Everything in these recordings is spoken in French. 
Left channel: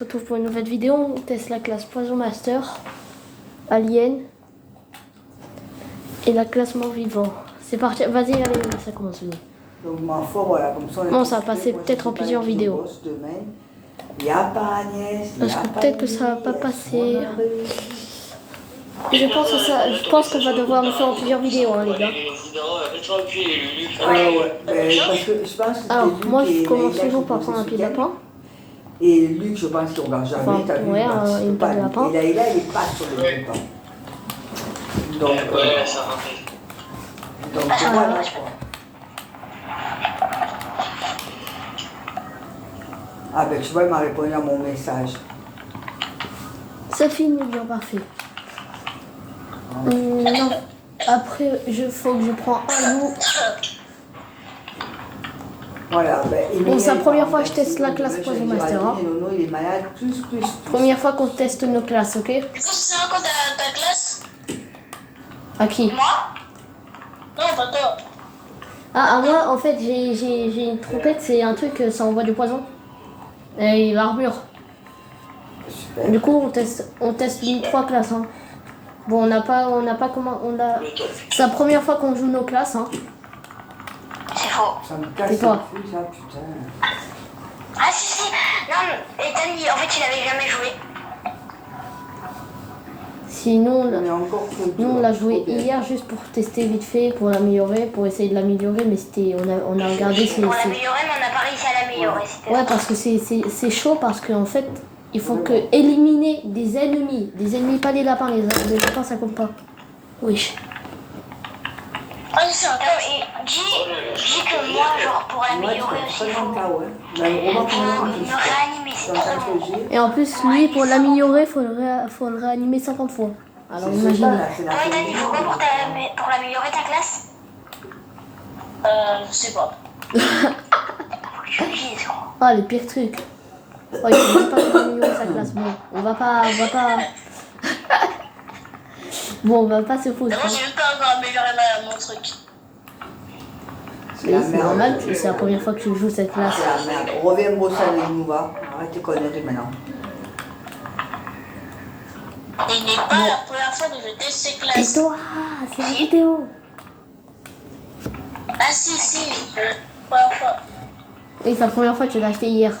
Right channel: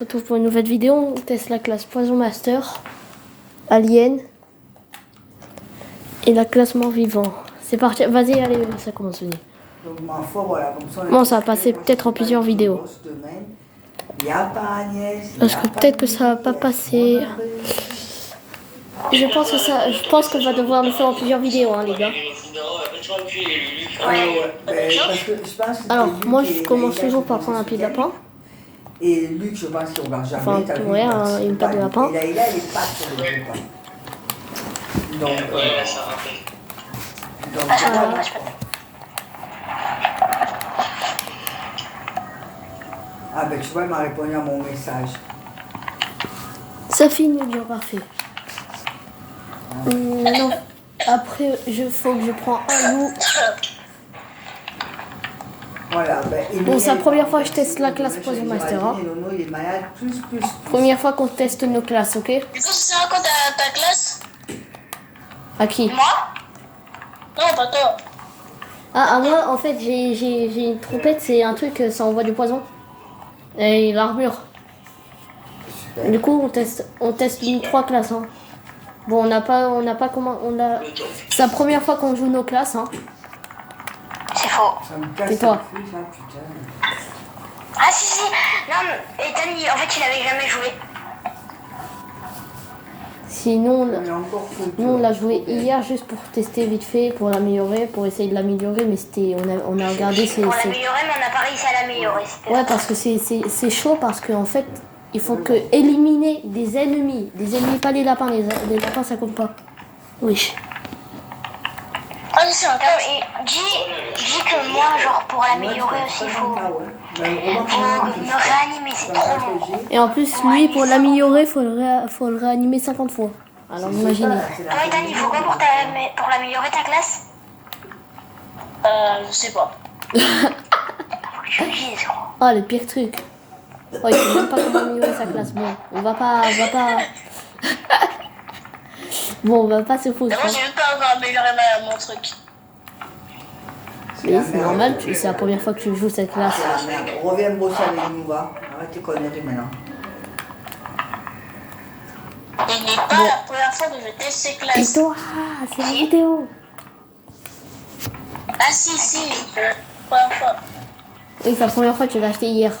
On se retrouve pour une nouvelle vidéo. On teste la classe Poison Master, Alien et la classe Mort Vivant. C'est parti, vas-y, allez, ça commence. Donc ma foi, voilà, comme ça on est Bon, ça va occupé. passer Moi, peut-être en j'étais plusieurs pas du tout vidéos. boss demain. Il n'y a pas Agnès, il y Parce a que pas peut-être que ça va Lily, pas il y a passer. son mari. Je pense qu'on va devoir le faire en plusieurs vidéos, hein, les gars. Ah ouais, mais parce que je pense que c'était Alors, Luc moi, et je commence Naïla toujours qui par faisaient prendre un ce pied de week-end. lapin. Et Luc, je pense qu'il ne regarde jamais, Enfin, t'as vu, ouais, il participe une pas. patte de lapin. Et Naïla, elle est pas sur le repas. Donc, ça rappelle. donc voilà quoi. Ah ben tu vois, il m'a répondu à mon message. Ça finit bien parfait. Non. Après, faut que je prends un loup. Voilà, ben, Bon, c'est la Emilien, première il fois part que je teste la demain, classe je Poison vais dire à Master. Denis, Nono, il est malade, plus. Première fois qu'on teste nos classes, ok? Du coup, c'est quoi ta classe? À qui? Moi? Non, pas toi. Ah, moi, en fait, j'ai une trompette, c'est un truc, ça envoie du poison. Et l'armure. Super. Du coup, on teste une 3 classes. Hein. Bon, on n'a pas comment. Le top. C'est la première fois qu'on joue nos classes. Hein. C'est faux. Ça me casse Et les toi? couilles, ça, putain. Ah, si. Non, mais Ethan, en fait, il avait jamais joué. Sinon, On est encore que nous, on l'a joué trop bien. hier juste pour tester vite fait, pour l'améliorer, pour essayer de l'améliorer, mais on a regardé. Pour l'améliorer, mais on n'a pas réussi à l'améliorer. c'était Ouais, parce que c'est chaud, parce qu'en fait, il faut que éliminer des ennemis, pas les lapins, les lapins ça compte pas. Oui. Ah, c'est un cas. Et dis que moi, genre, pour Moi, tu améliorer fais aussi, pas il dans faut le cas, ouais. Même Romain, faut pour moi, me réanimer. C'est dans trop le long. cas que j'ai. Et en plus, lui, pour l'améliorer, faut le réanimer 50 fois. Alors C'est imaginez. ça, c'est la Ethan, famille. il faut quoi pour l'améliorer ta classe? Je sais pas. Faut que tu le dises, quoi. Oh, le pire truc. Ouais, il faut même pas qu'on améliorer sa classe. Bon, on va pas. Bon, on va pas se foutre. Mais moi, Hein. j'ai même pas encore amélioré mon truc. C'est la Mais c'est merde. normal, c'est la première fois que tu joues cette classe. C'est la merde. Reviens bosser avec nous, va. Arrête tes conneries maintenant. Il n'est pas la première fois que je teste ces Et classes. toi, c'est la vidéo. Ah si, c'est la première fois. Oui, c'est la première fois que je l'ai acheté hier.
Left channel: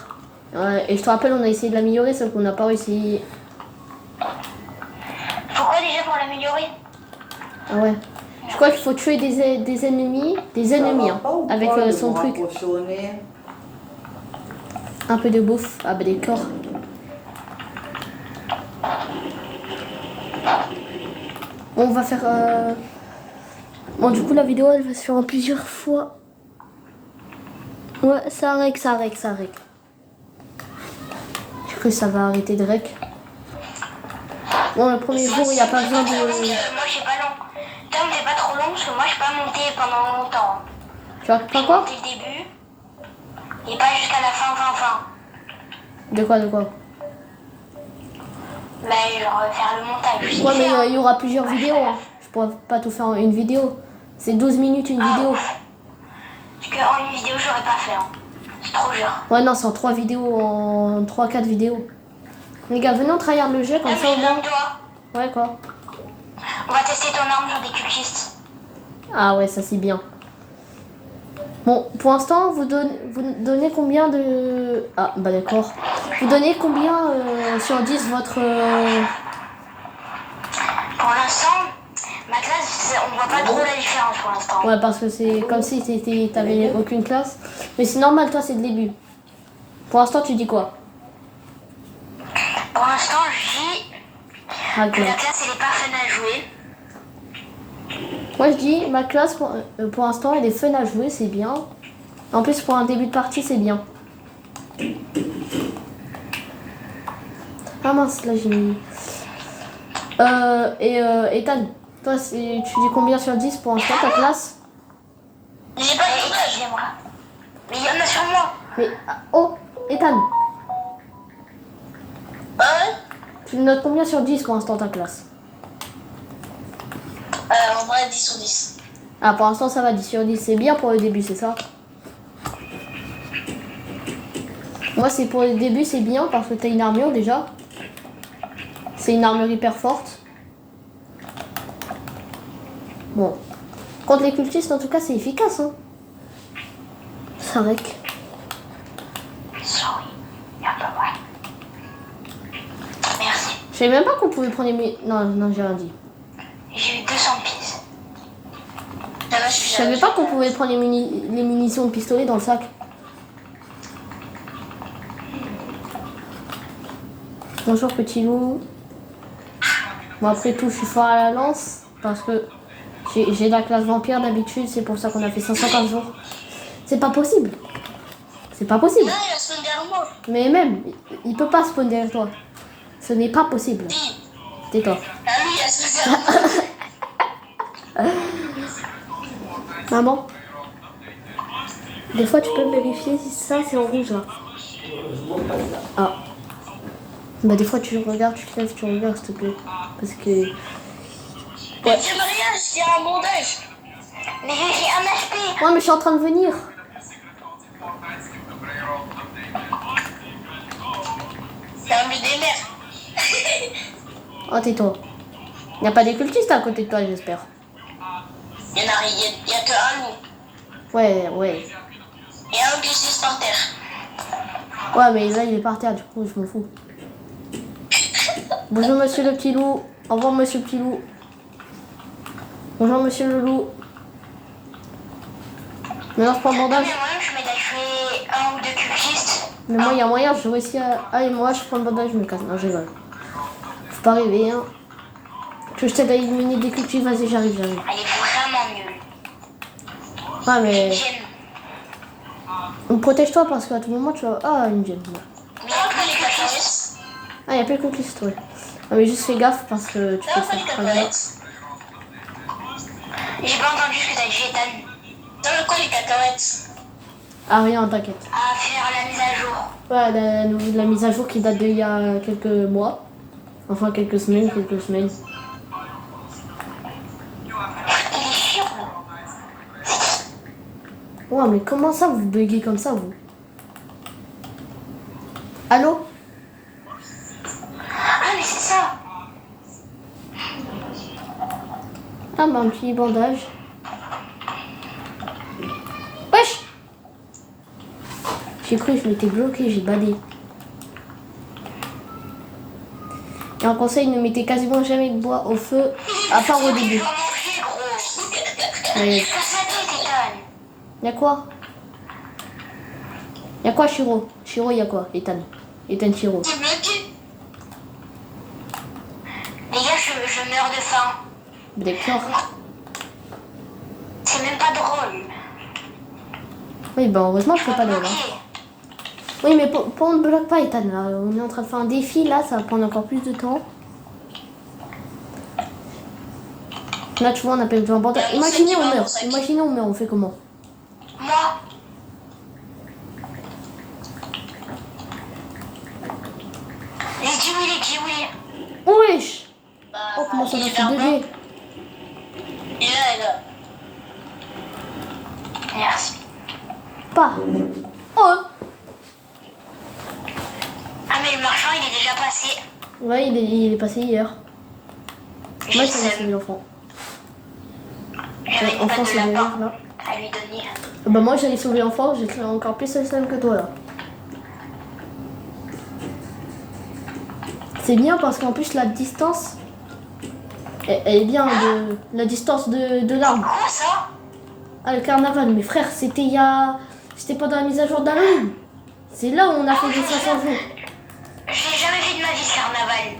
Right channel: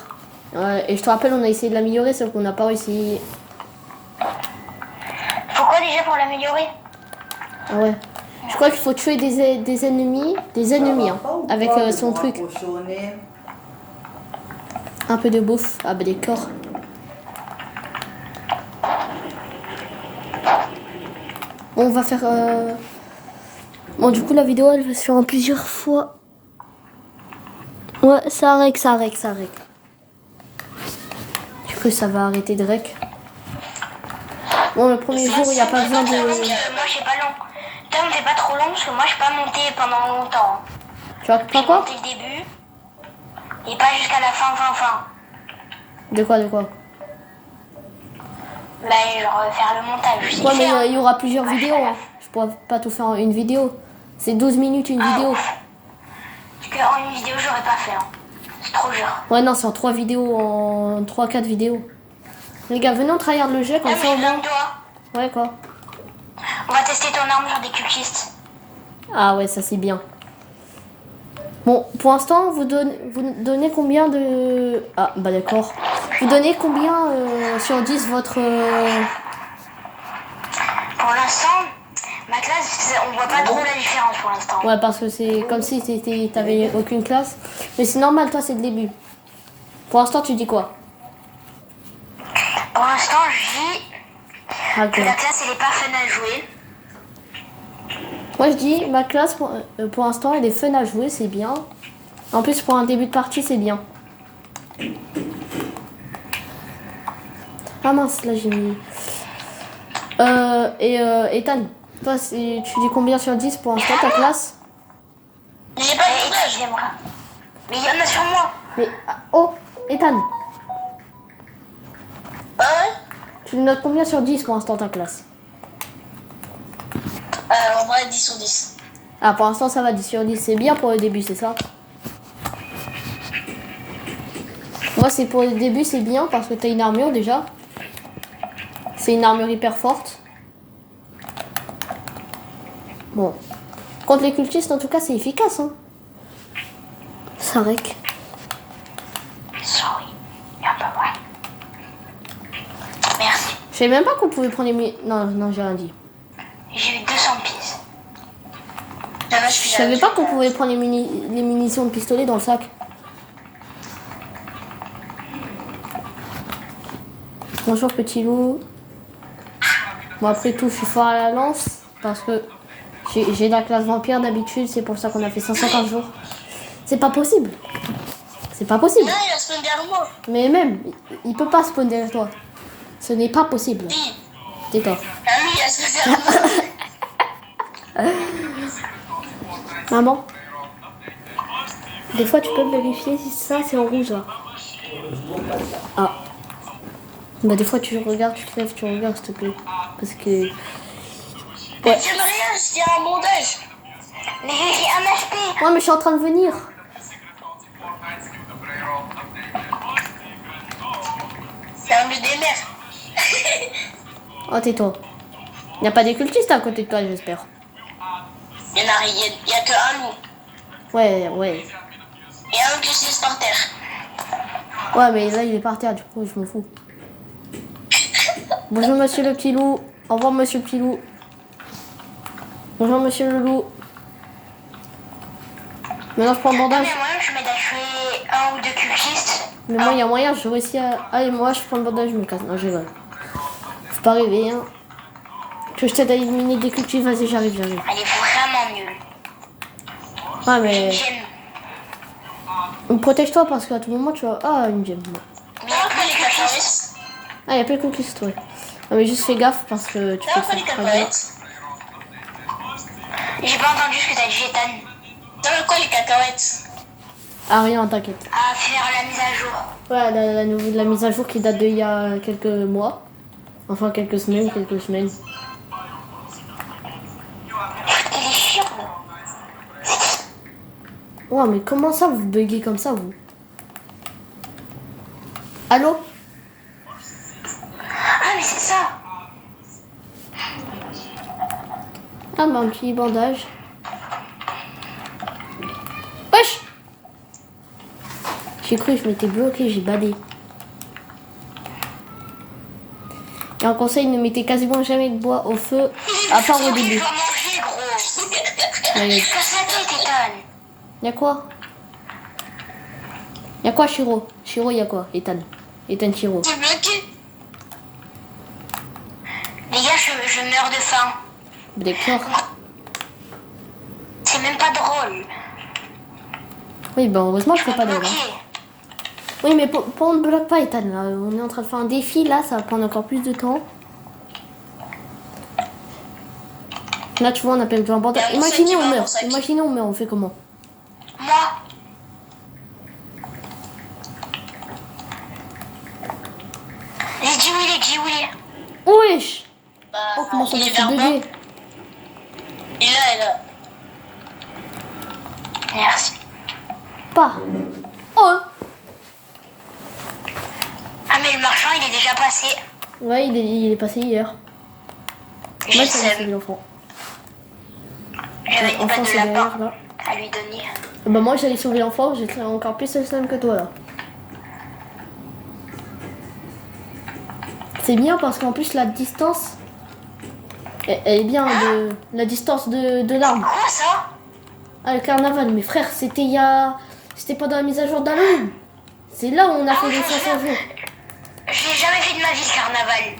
Et je te rappelle, on a essayé de l'améliorer, sauf qu'on n'a pas réussi. Pourquoi déjà pour l'améliorer? Ah ouais. Je crois qu'il faut tuer des ennemis. Ça va Hein, pas ou avec quoi de son me truc. rapprocher au nez? Un peu de bouffe. Ah bah des corps. Bon, on va faire... Bon, du coup, la vidéo, elle va se faire en plusieurs fois. Ouais, ça rec. Du coup, ça va arrêter de rec. Bon, le premier jour, il n'y a pas besoin de... Moi, j'ai pas long. Tom, t'es pas trop long parce que moi, je peux pas monter pendant longtemps. Tu vois Je pas peux quoi? monter le début et pas jusqu'à la fin. De quoi? Bah, genre faire le montage. Je sais Ouais, mais faire. il y aura plusieurs vidéos. Hein. Je pourrais pas tout faire en une vidéo. C'est 12 minutes une vidéo. Parce qu'en une vidéo, j'aurais pas fait. Hein. C'est trop dur. Ouais, non, c'est en 3 vidéos, en 3-4 vidéos. Les gars, venez, on tryhard le jeu, comme Non, ça mais au j'ai moins... besoin de toi. Ouais, quoi. On va tester ton arme sur des cultistes. Ah ouais, ça c'est bien. Bon, pour l'instant, vous donnez combien de... Ah, bah d'accord. Vous donnez combien sur 10 votre... Pour l'instant, ma classe, on voit pas trop la différence pour l'instant. Ouais, parce que c'est comme si t'avais aucune classe. Mais c'est normal, toi, c'est le début. Pour l'instant, tu dis quoi? Pour l'instant, je dis Ah, que la classe, elle est pas fun à jouer. Moi, je dis, ma classe, pour l'instant, elle est fun à jouer, c'est bien. En plus, pour un début de partie, c'est bien. Ah mince, là, j'ai mis... Ethan, toi, tu dis combien sur 10 pour l'instant, ta classe? J'ai pas de moi. Mais il y en a sur moi. Mais, oh, Ethan, Ah ouais? tu notes combien sur 10 pour l'instant, ta classe? En vrai, 10 sur 10. Ah, pour l'instant, ça va, 10 sur 10. C'est bien pour le début, c'est ça? Moi, c'est pour le début, c'est bien parce que t'as une armure déjà. C'est une armure hyper forte. Bon. Contre les cultistes, en tout cas, c'est efficace. Hein. C'est vrai que... Sorry. Un peu, ouais. Merci. Je savais même pas qu'on pouvait prendre les... Non, j'ai rien dit. J'ai eu 200 pièces. Je savais pas qu'on pouvait prendre les munitions de pistolet dans le sac. Bonjour petit loup. Bon après tout je suis fort à la lance parce que j'ai la classe vampire d'habitude, c'est pour ça qu'on a fait 150 jours. C'est pas possible. C'est pas possible. Non, il a spawn derrière moi. Mais même, il peut pas spawn derrière toi. Ce n'est pas possible. Oui. Tais-toi. Ah oui, il a spawn derrière moi. Maman, des fois tu peux vérifier si ça c'est en rouge là. Ah. Bah des fois tu regardes, tu te lèves, tu regardes s'il te plaît. Parce que... Mais tu me rien, il y a un mondage. Mais j'ai un HP. Ouais mais je suis en train de venir. C'est un mieux des mers. Oh tais-toi. Il n'y a pas des cultistes à côté de toi j'espère. Il y a que un loup. Ouais. Et un qui s'est par terre. Ouais mais là il est par terre du coup je me fous. Bonjour monsieur le petit loup. Au revoir monsieur le petit loup. Bonjour monsieur le loup. Maintenant je prends le bandage. Mais moi, je m'aide à tuer un ou deux cultistes. Mais moi il y a moyen, je réussis à... Allez moi je prends le bandage, je me casse. Non je rigole. Faut pas rêver hein. Tu veux que je t'aide à éliminer des cultistes? Vas-y j'arrive. Elle est vraiment nulle. Ouais mais... J'aime. Protège-toi parce qu'à tout moment tu vas... Ah une gemme. Mais il y a que les cacahuètes. Ah il y a plus de cultistes ouais. Ah, mais juste fais gaffe parce que tu peux te T'as pas les faire travailler. cacahuètes. J'ai pas entendu ce que t'as dit, Ethan. T'as quoi les cacahuètes? Ah rien t'inquiète. À faire la mise à jour. Ouais la mise à jour qui date d'il y a quelques mois. Enfin quelques semaines. Il est chiant. Ouais mais comment ça vous buguez comme ça vous? Allô? Ah, mais c'est ça. Ah bah un petit bandage. Wesh! J'ai cru que je m'étais bloqué, j'ai badé. Et un conseil, ne mettez quasiment jamais de bois au feu, à part au début. Tu vas manger, gros. Ouais. Casse la tête, Ethan. Y'a quoi? Y'a quoi Shiro? Shiro y'a quoi? Ethan Shiro. T'es bloqué. Les gars, je meurs de faim. D'accord. C'est même pas drôle. Oui bah heureusement que je fais pas de là. Bloqué. Oui mais pour on ne bloque pas Ethan là. On est en train de faire un défi là, ça va prendre encore plus de temps. Là tu vois on appelle un bandage. Imaginez on meurt, on fait comment? Moi. J'ai dit oui. Wesh! Bah, Oh comment ça il doit est se là, bugger? Il est là. Merci. Pas. Oh! Ah, mais le marchand, il est déjà passé. Ouais il est passé hier. Moi J'ai ça m'a seum. sauvé l'enfant. J'avais une Enfant patte c'est de derrière lapin là. à lui donner. Bah moi j'allais sauver l'enfant, j'ai créé encore plus de slime que toi là. C'est bien parce qu'en plus la distance elle est bien de la distance de l'arme. Quoi ça? Ah le carnaval, mais frère c'était pendant la mise à jour d'Halloween. C'est là où on a fait les 500 jours. Je l'ai jamais fait de ma vie ce carnaval.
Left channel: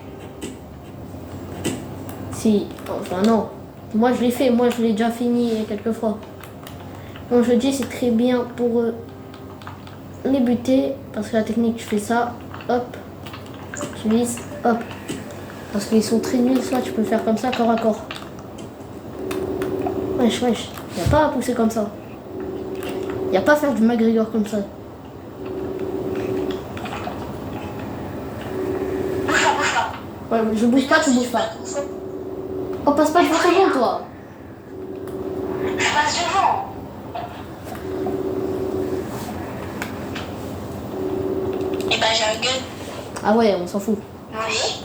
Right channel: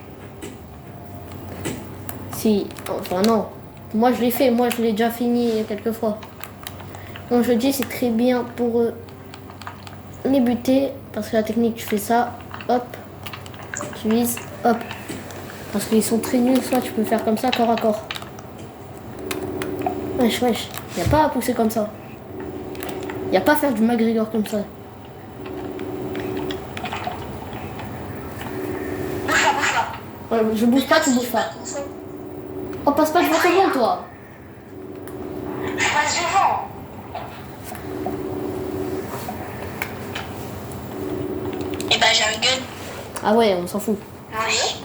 Si, enfin non. Moi je l'ai fait, moi je l'ai déjà fini quelques fois. Bon je dis c'est très bien pour les buter parce que la technique tu fais ça, hop, tu vises, hop. Parce qu'ils sont très nuls, soit tu peux faire comme ça corps à corps. Wesh, y a pas à pousser comme ça. Y a pas à faire du McGregor comme ça. Bouge pas. Ouais, je bouge pas, tu bouges pas. Oh passe pas devant toi. Je passe devant. Bah, j'ai un gun. Ah ouais, on s'en fout. Moi aussi.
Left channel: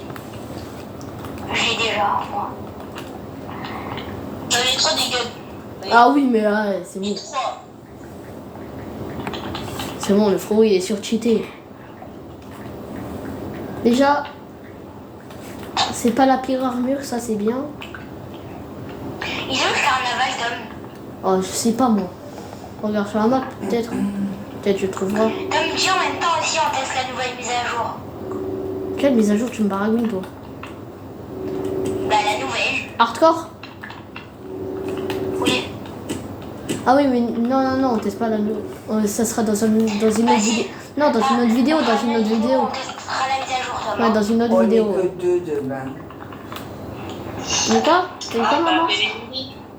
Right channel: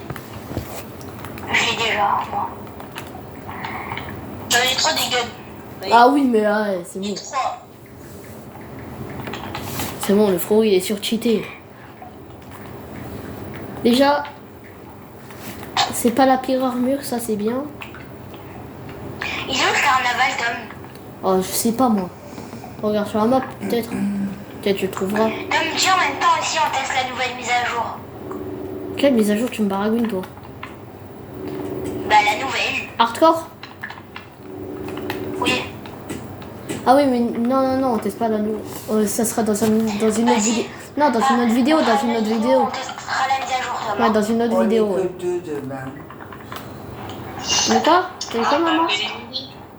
J'ai déjà, moi. J'en ai 3 des guns. Ah oui, mais c'est J'ai bon. 3. C'est bon, le frérot il est surcheaté. Déjà, c'est pas la pire armure, ça c'est bien. Il est où le carnaval, Tom? Oh, je sais pas moi. Regarde sur la map, peut-être. Peut-être je trouverai. Tom, dis en même temps aussi, on teste la nouvelle mise à jour. Quelle mise à jour tu me baragouines toi? Bah, la nouvelle. Hardcore? Oui. Ah oui, mais non, on teste pas la nouvelle. Ça sera dans une autre vidéo. Non, dans une autre vidéo, dans une autre vidéo. On testera la mise à jour, Tom. Ouais, dans une autre On vidéo. est que 2 demain. D'accord? T'as eu quoi, maman?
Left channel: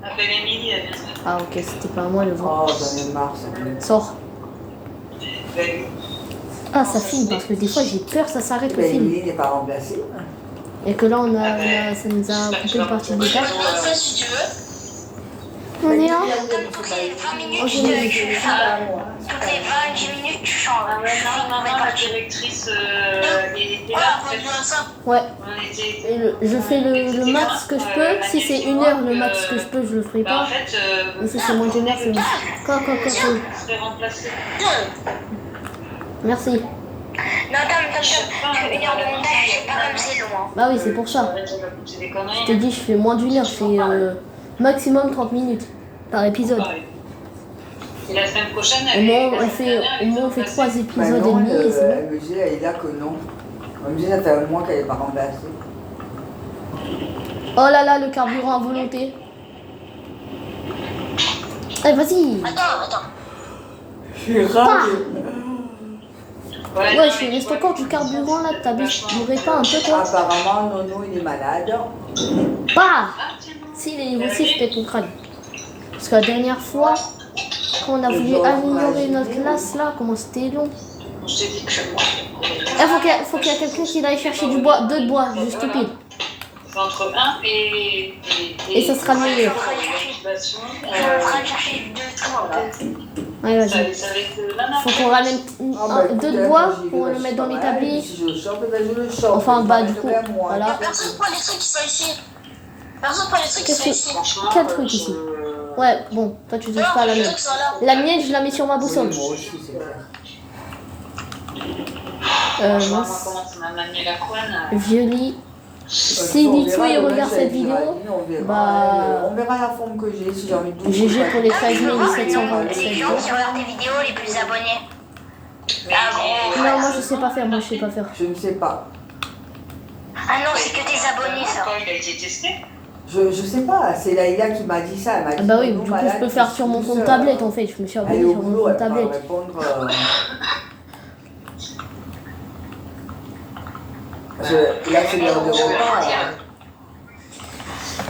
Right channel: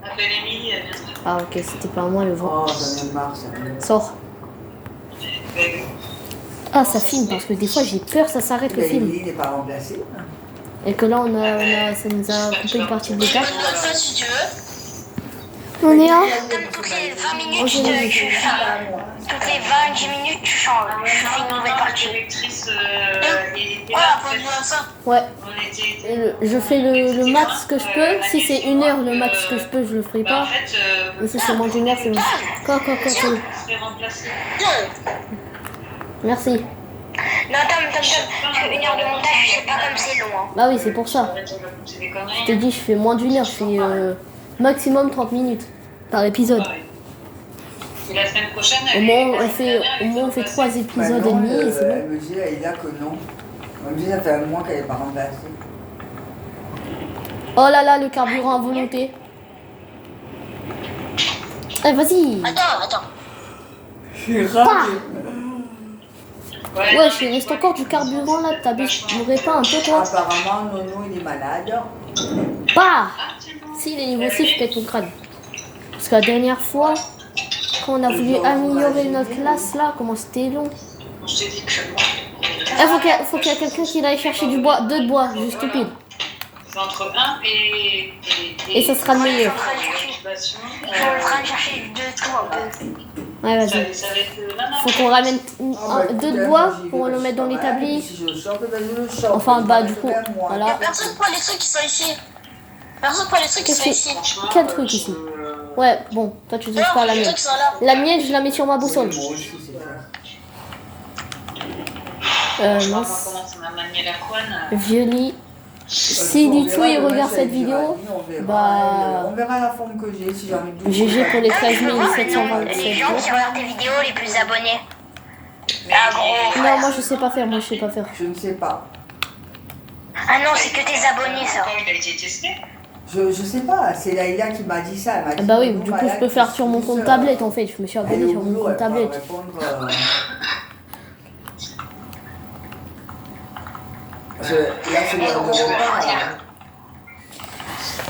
Appelle Émilie, elle viendra. Ah ok, c'était pas à moi le vent. Oh, j'en ai marre, ça. Sors. Ah, ça filme, parce que des fois j'ai peur, ça s'arrête le Mais film. il n'est pas remplacé. Et que là, ça nous a coupé une partie de Je temps. peux te montrer ça si tu veux. On est là? Comme toutes les 20 minutes, Ok. tu changes. Toutes les 20-10 minutes, tu changes. Je fais une nouvelle La partie. directrice était là. En fait. Ouais. On était. Je fais le max que je peux. Si c'est 1 heure le max que je peux, je le ferai Bah, en pas. fait, Mais si c'est moins d'une heure, c'est quoi. on serait remplacé. Merci. Non, Tom, une heure de montage, je sais pas comme c'est long. Hein. Bah oui, c'est pour ça. C'est des Je conneries. te dis, je fais moins d'une heure. Je fais maximum 30 minutes par épisode. Et la semaine prochaine, Au moins, on fait 3 Bah épisodes et non, demi. Et c'est bon. elle me dit, elle est là que non. Elle me dit, ça fait un mois qu'elle n'est pas remplacée. Oh là là, le carburant à volonté. Allez, vas-y. Attends. J'ai raté. Ouais, il reste encore du carburant là. T'aurais pas un peu toi? Apparemment, Nono, il est malade. Bah si, il est niveau 6, peut-être qu'on crâne. Parce que la dernière fois, quand on a voulu améliorer notre classe là, comment c'était long. Je t'ai dit que moi. Il faut qu'il y ait quelqu'un qui aille chercher du bois, 2 de bois, juste stupide. C'est entre 1 Et ça sera le meilleur. Je suis en train de chercher 2 trucs. Ouais, vas-y. Ça va être Faut qu'on ramène 2 de bois pour le mettre dans l'établi. Si je le chope, ben je le chope. Enfin, bah du coup, Voilà. voilà. Personne prend les trucs qui sont ici. Personne prend les trucs qui sont ici. Quel truc ici? Ouais, bon, toi tu touches pas à la Les mienne. trucs sont là. La mienne, je la mets sur ma boussole. Oui, moi aussi, c'est clair. Franchement, Mince. moi, comment ça m'a manié la couenne. Violi. Si On Lito verra il demain regarde si cette elle dira vidéo, oui, on verra, bah- on verra la forme que j'ai, si j'ai envie de doucher. GG pour les Les 13 gens 727 qui euros. regardent tes vidéos les plus abonnés. Non, moi je sais pas faire, moi je sais pas faire. Je ne sais pas. Ah non, c'est que tes abonnés ça. Quand il a été testé. Je sais pas, c'est Laïla qui m'a dit ça. Elle m'a dit Bah oui, Nono du coup je malade, peux faire plus, sur mon compte plus, tablette en fait, je me suis abonné Elle est au sur mon boulot, compte elle va tablette. répondre. Là, c'est l'heure de repas.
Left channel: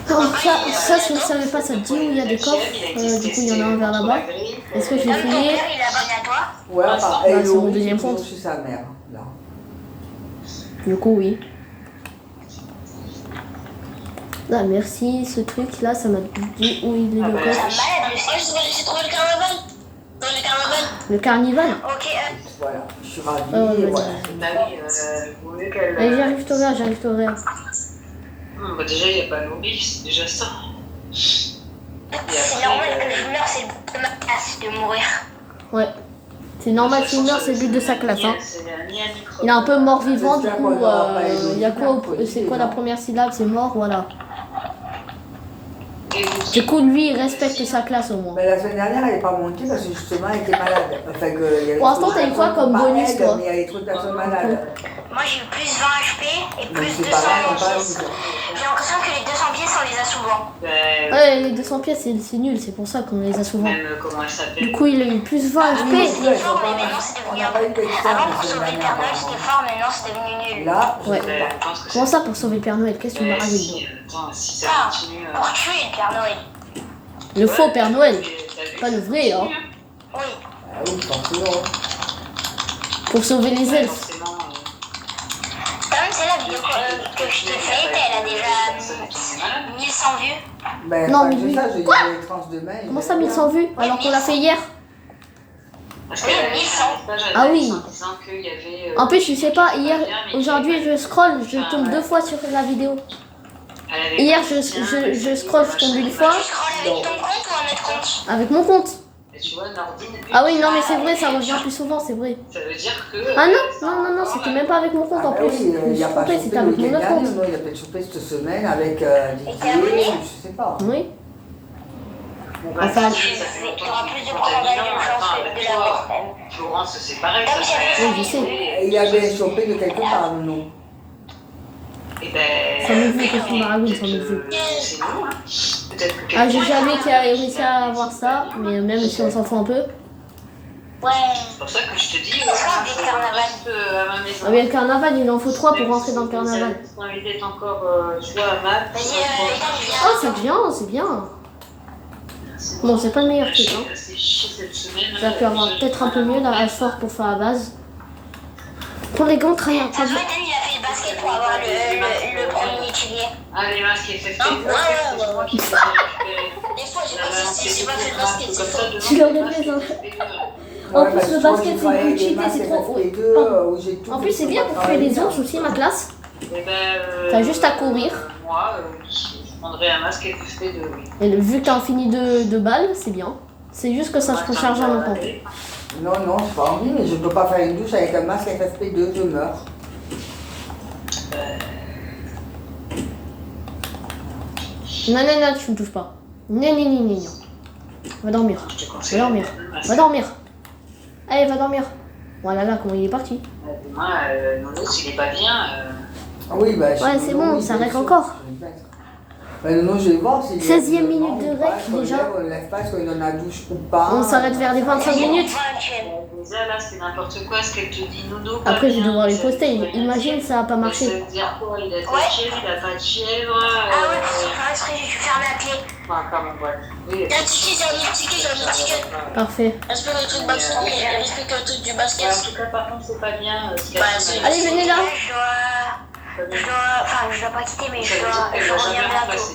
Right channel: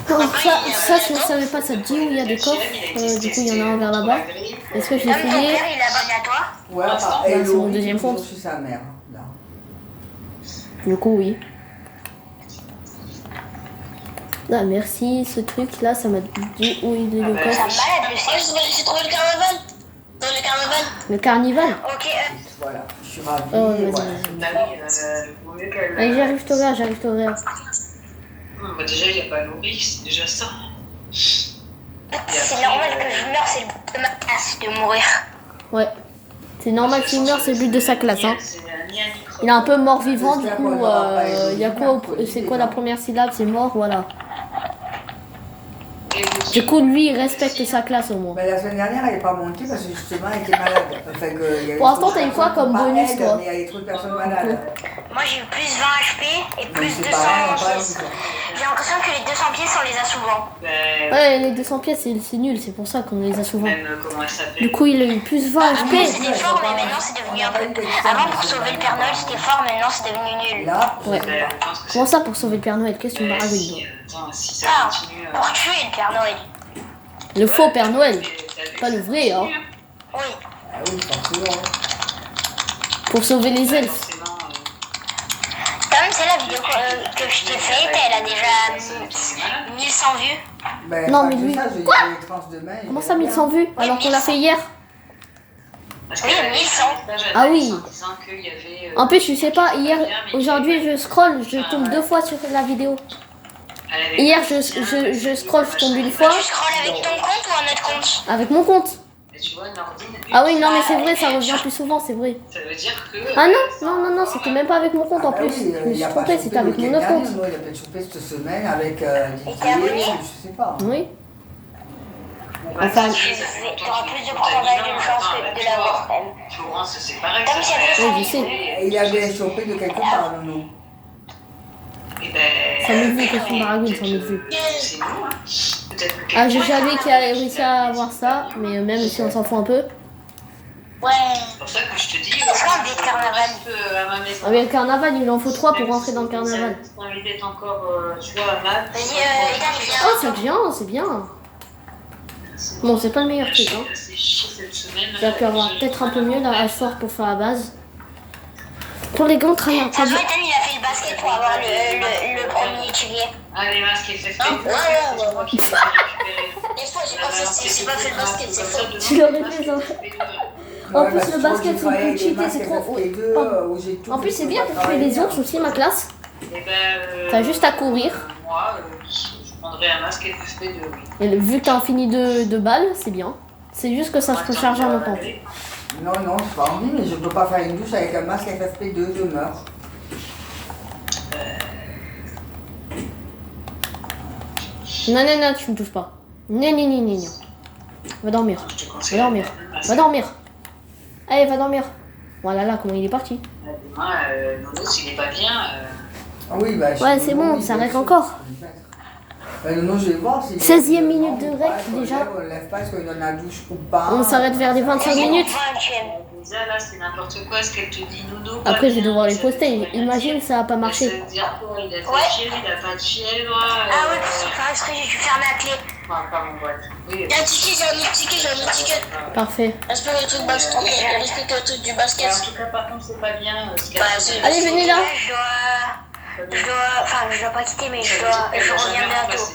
Donc ça si vous ne savez pas, ça te dit où il y a des coffres. Du coup il y en a un vers là-bas. Est-ce que je vais Tom, ton fouiller? père il est abonné à toi. Ouais, enfin, Ouais, elle c'est mon est deuxième toujours compte. chez sa mère. Là. Du coup oui. Ah merci, ce truc là, ça m'a dit où il est le C'est coffre. malade, j'ai trouvé le carnaval. Dans le carnaval. Le carnival. Ok. Voilà, je suis ravie. Oh, vas-y, voilà. vas-y. Vaut mieux qu'elle. Allez, j'arrive t'ouvrir, j'arrive t'ouvrir. Bah, déjà, il n'y a pas nourri, c'est déjà ça. C'est normal que je meure, c'est le but de ma classe de mourir. Ouais. C'est normal qu'il meure, c'est le but de sa classe. Hein. Il est un peu mort-vivant, du coup, il y a quoi, c'est quoi la première syllabe? C'est mort, voilà. Du coup, lui, il respecte sa classe au moins. Mais la semaine dernière, elle n'est pas montée parce que justement, elle était malade. Enfin, que, il y avait Pour l'instant, trop de t'as eu quoi personnes, comme pas bonus, elle, toi? mais il y avait trop de personnes malades. Moi j'ai eu plus 20 HP et Donc plus c'est 200 pas grave, on parle pièces. J'ai l'impression que les 200 pièces on les a souvent. Ouais, les 200 pièces, c'est nul, c'est pour ça qu'on les a souvent. Même comment elle s'appelle. Du coup, il a eu plus 20 Oui, HP. C'était fort mais maintenant c'est on devenu n'a un pas eu peu. d'externe Avant la pour semaine sauver le dernière, Père Noël c'était apparemment. fort, maintenant c'est devenu nul. Là, je Ouais. sais pas. Je pense que Comment ça pour sauver le Père Noël? Qu'est-ce que tu me racontes? si, attends, si ça Ah, continue. pour tuer le Père Noël. Le faux Père Noël, pas le vrai, hein. Oui. Ah oui, forcément. Pour sauver les elfes. Forcément. Quand même c'est la vidéo que je t'ai faite, elle a déjà 1100 vues. Ben, Non, pas mais que lui- ça, j'ai eu les trans demain. Comment ça, 1100 vues alors qu'on l'a fait hier? Parce qu'elle avait fait un message à Ah oui. Thalys en disant qu'il y avait... En plus, je sais pas, hier, bien, mais aujourd'hui, je scroll, je Enfin, tombe ouais. 2 fois sur la vidéo. elle avait Hier, pas je de soutien, scroll, je machin, tombe une machin. fois. Tu scrolles avec ton compte ou un autre compte? Avec mon compte. Et tu vois, Nordine... Ah oui, non, mais c'est vrai, ça revient plus souvent, c'est vrai. Ça veut dire que... Ah non, c'était même pas avec mon compte en bah plus. oui, Je me il suis a pas trompée, chopé c'était le avec mon week-end autre dernier, compte. non, il a peut-être chopé cette semaine avec t'es abonné Didier, je sais pas. Oui. Bah, Enfin, si, ça fait longtemps T'auras qu'il plus est de contaminant. problèmes Attends, de avec la toi, mort, quand même. Florence, c'est pareil, ça serait... Oui, je sais. Il a bien chopé de quelque part, non. Et ben... Ça me vu que sur Maragout, ça me vu. C'est nous, hein. Peut-être que Ah, j'ai quelqu'un- jamais qui a réussi à avoir ça, mais même si on s'en fout un peu. Ouais. C'est pour ça que je te dis, Est-ce qu'on je dit le carnaval reste à ma maison. Ah, mais le carnaval, il en faut 3 pour Même rentrer si dans le carnaval. Ça envie d'être encore, tu vois, à Malte. Vas-y, Ethan, viens. Oh, c'est bien, c'est bien. Bon, c'est pas le meilleur truc, hein. C'est chier cette semaine. J'espère qu'il y aura peut-être un peu mieux là, à soir pour faire la base. Pour les gants, très bien. Ça se voit, Ethan, il a fait le basket pour avoir le premier étudié. Ah, les masques FFP2, Ouais, c'est moi qui les ai récupérés. Des fois, j'ai Il a pensé balancé que c'est pas beaucoup fait de le basket, masques c'est comme ça. ça, demain, Tu l'aurais les fait, masques ça. FFP2. En plus, parce le que moi, basket, j'ai c'est travaillé avec cheaté, des masques c'est trop. FFP2 où j'ai tout. En plus, c'est je bien peux pour pas faire les travailler, ours aussi, ma classe. Eh ben, T'as juste à courir. Moi, je prendrais un masque FFP2, oui. Et vu que t'as fini de balles, c'est bien. C'est juste que ça se recharge à longtemps. Non, non, j'ai pas envie, mais je peux pas faire une douche avec un masque FFP2, je meurs. Non, tu me touches pas. Non. Va dormir. Je te Va conseille. dormir. Va dormir. Allez, va dormir. Voilà, là, comment il est parti. Demain, Nonos, il est pas bien. Ah oui, bah, Ouais, c'est bon, oui, ça bien règle sûr. encore. Non, je vais voir si. 16e minute de rec, déjà. On ne lève pas, est-ce qu'on donne la douche ou pas. On s'arrête vers les 25 minutes. Déjà, là, c'est n'importe quoi ce qu'elle te dit, Nono. pas Après, je vais bien, devoir les ça veut poster. rien Imagine, dire. ça va pas Ça marcher. veut dire quoi? Il a de la Ouais. fièvre, il a pas de fièvre. Ah ouais, parce que j'ai dû fermer la clé. Enfin, pas mon boîte. Oui, Il y a un ticket, j'ai un ticket. Parfait. Respecte le truc basket. Respecte le truc du Ouais, basket. en tout cas, par contre, c'est pas bien ce qu'elle Bah, a c'est- fait. Allez, venez là. Je dois pas quitter, mais Ça veut dire qu'elle va jamais revenir bientôt. remplacer.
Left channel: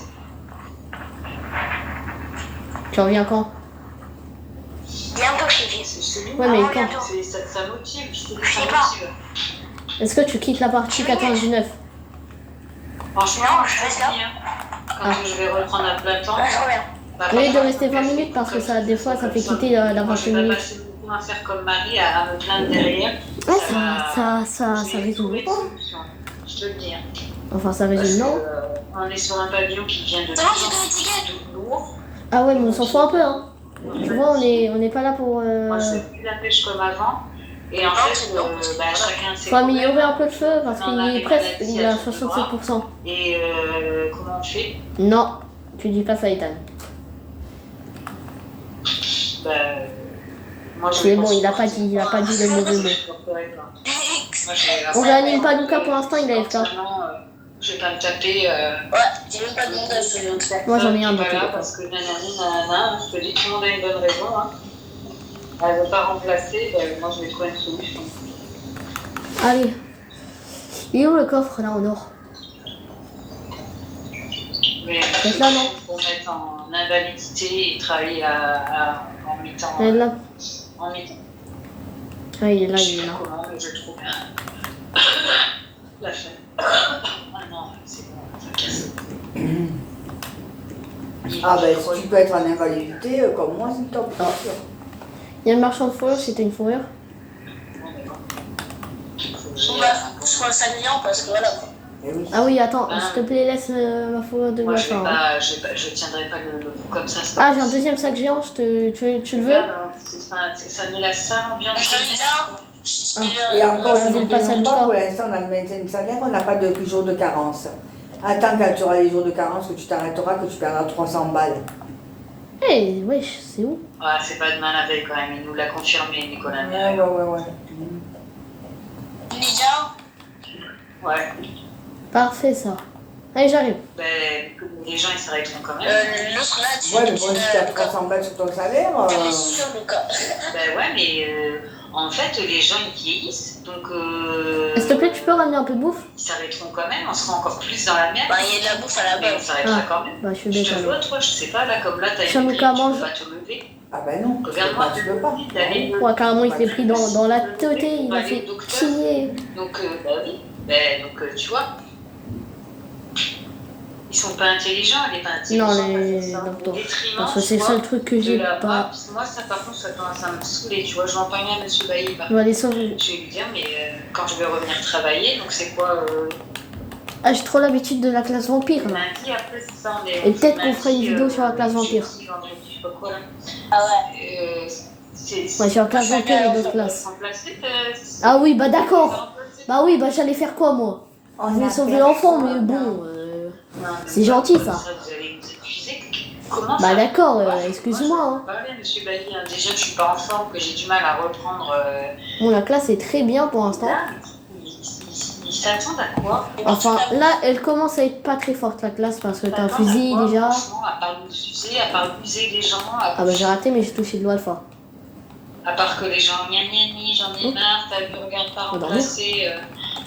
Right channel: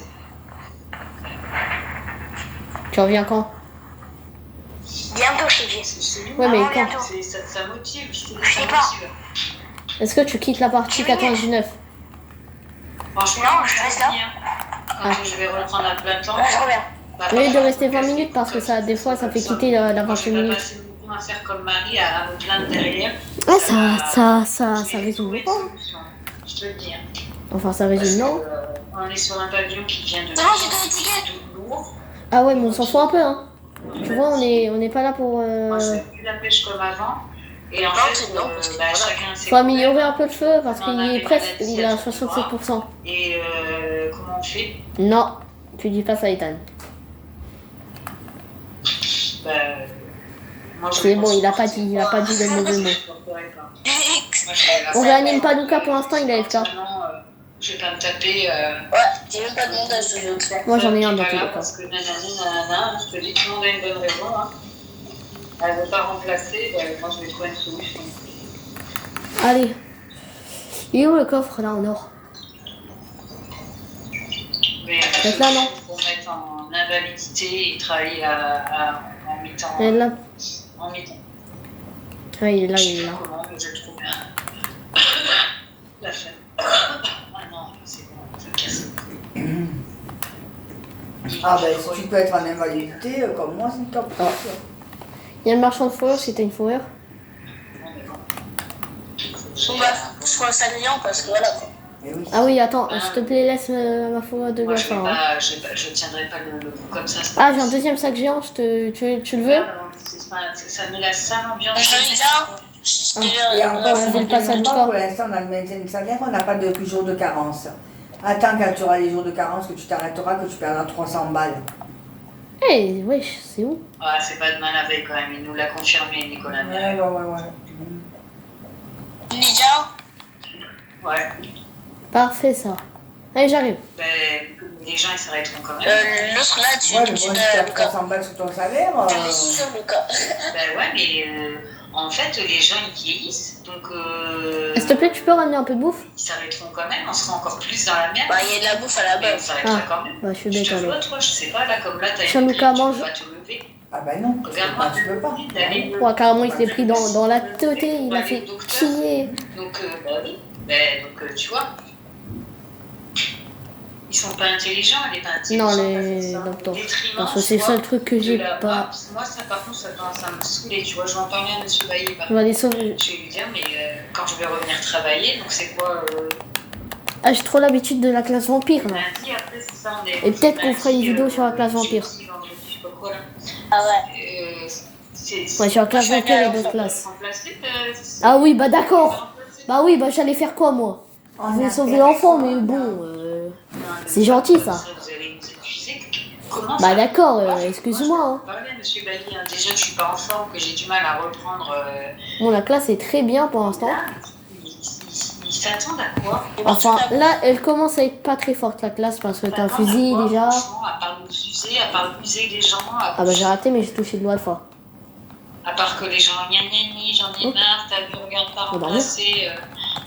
Tu reviens quand? Bientôt, je t'ai dit. C'est lui, Ouais, mais Avant, quand? bientôt. ça motive, je te dis, Je ça sais pas. motive. Est-ce que tu quittes la partie 99? Franchement, Non, je te reste là. dis, hein, quand je vais reprendre à plein temps. Je reviens. bah, Au lieu de franchement, rester 20 ça minutes parce que comme ça, des fois, ça fait comme quitter la Moi, 28 je vais pas minutes. passer beaucoup à faire comme Marie, à me plaindre derrière. Ouais, va- ça Je vais résume trouver pas. une solution. Je te le dis. Hein. Enfin, ça Parce résume que, non. on est sur un pavillon qui vient de Non, plus j'ai en donné le ticket. plus lourd. Ah ouais, mais on s'en fout un peu, hein. Tu vois, on n'est pas là pour... Moi, je fais plus la pêche comme avant. Et en fait, chacun ses Faut améliorer problèmes. un peu le feu parce On en qu'il a est des presque, maladies il est à à tout 67%. Et comment on fait? Non, tu dis pas ça, Ethan. Bah, moi, je C'est pense bon, il a que pas dit le mauvais mot. Moi, je vais On réanime pas Lucas pour l'instant, il a FK. Maintenant, je vais pas me taper. Ouais, j'ai même pas demandé à ce Moi, j'en ai un qui dans est tous pas les là cas. parce que nanana, je te dis, tout le monde a une bonne raison. Hein. Elle veut pas remplacer, moi je vais trouver une solution. Allez. Il est où le coffre, là, en or? Mais Peut-être là, non? pour mettre en invalidité et travailler en mi-temps. Elle est là. En mi-temps. Ah, il est là, Je il sais est pas là. comment, mais je le trouve. La flemme. Ah non, c'est bon, ça me casse. Ah ben, si tu peux être en invalidité, comme moi, c'est top. Ah. Il y a le marchand de fourrure, c'était une fourrure. Je crois que ça vient parce que voilà. Eh oui. Ah oui, attends, Ah. s'il te plaît, laisse ma fourrure de Moi, bien je vais faire. Hein. pas, je tiendrai pas le coup comme ça. c'est pas Ah, j'ai un possible. deuxième sac géant, tu le veux? Regarde, ça met la sale ambiance. Je de dis merde. ça. Et encore, je je vais ne le passer à demande pas Lucas. pour l'instant dans le maintien de salaire, on n'a pas de jour de carence. Attends quand tu auras les jours de carence, que tu t'arrêteras, que tu perdras 300 balles. Eh, wesh, c'est où? Ah, c'est pas demain la veille quand même, il nous l'a confirmé, Nicolas. Ouais. Lydia, Ouais. Parfait, ça. Allez, j'arrive. Ben, les gens ils s'arrêteront quand même. l'autre là, tu Ouais, mais bon, tu si tu as Lucas. 300 balles sur ton salaire, Tu mets sur Lucas. Ben ouais, mais en fait, les gens ils vieillissent, donc. S'il te plaît, tu peux ramener un peu de bouffe? Ils s'arrêteront quand même, on sera encore plus dans la merde. Bah, il y a de la bouffe à la Mais on base. s'arrêtera Ah. quand même. Bah, je suis Je bête te alors. vois, toi, je sais pas, là, comme là, t'as Tiens, une Lucas, grille, tu mange. peux pas te lever. Ah ben non, Regarde-moi, tu peux pas. d'aller Ouais, carrément, il s'est pris dans la tête, il a fait chier. Donc, bah oui. Donc, tu vois, ils sont pas intelligents, elle est pas intelligente. Non, parce que les ça, docteurs. au détriment, Parce que tu c'est vois, ça le truc que de j'ai la- pas. Moi, ça, par contre, ça commence à me saouler, tu vois. Je vais en parler à M. Bailly. On va les sauver. Je vais lui dire, mais quand je vais revenir travailler, donc c'est quoi Ah, j'ai trop l'habitude de la classe vampire. Là. lundi, après, c'est ça, on est. Et peut-être qu'on fera une lundi, vidéo sur la classe vampire. jeudi, vendredi, je sais pas quoi, là. Ah ouais. Ouais, sur la classe vampire et d'autres classes. Remplacer, Ah oui, bah d'accord. Bah oui, bah j'allais faire quoi moi? Je vais sauver l'enfant, mais bon. C'est gentil, ça. Vous allez nous épuiser. Comment Bah ça d'accord, Moi, excuse-moi. je Hein. peux parler à M. Bailly. Hein. Déjà, je suis pas en forme, que j'ai du mal à reprendre. Bon, la classe est très bien pour l'instant. Là, ils s'attendent à quoi Enfin, là, elle commence à être pas très forte la classe parce que t'as un S'attendent à fusil quoi, déjà. franchement, à part nous user, à part user les gens, Ah bah j'ai raté, mais j'ai touché de l'alpha. à part que les gens, gna gna gna, j'en ai marre, t'as vu, regarde pas Oh, bah, remplacer.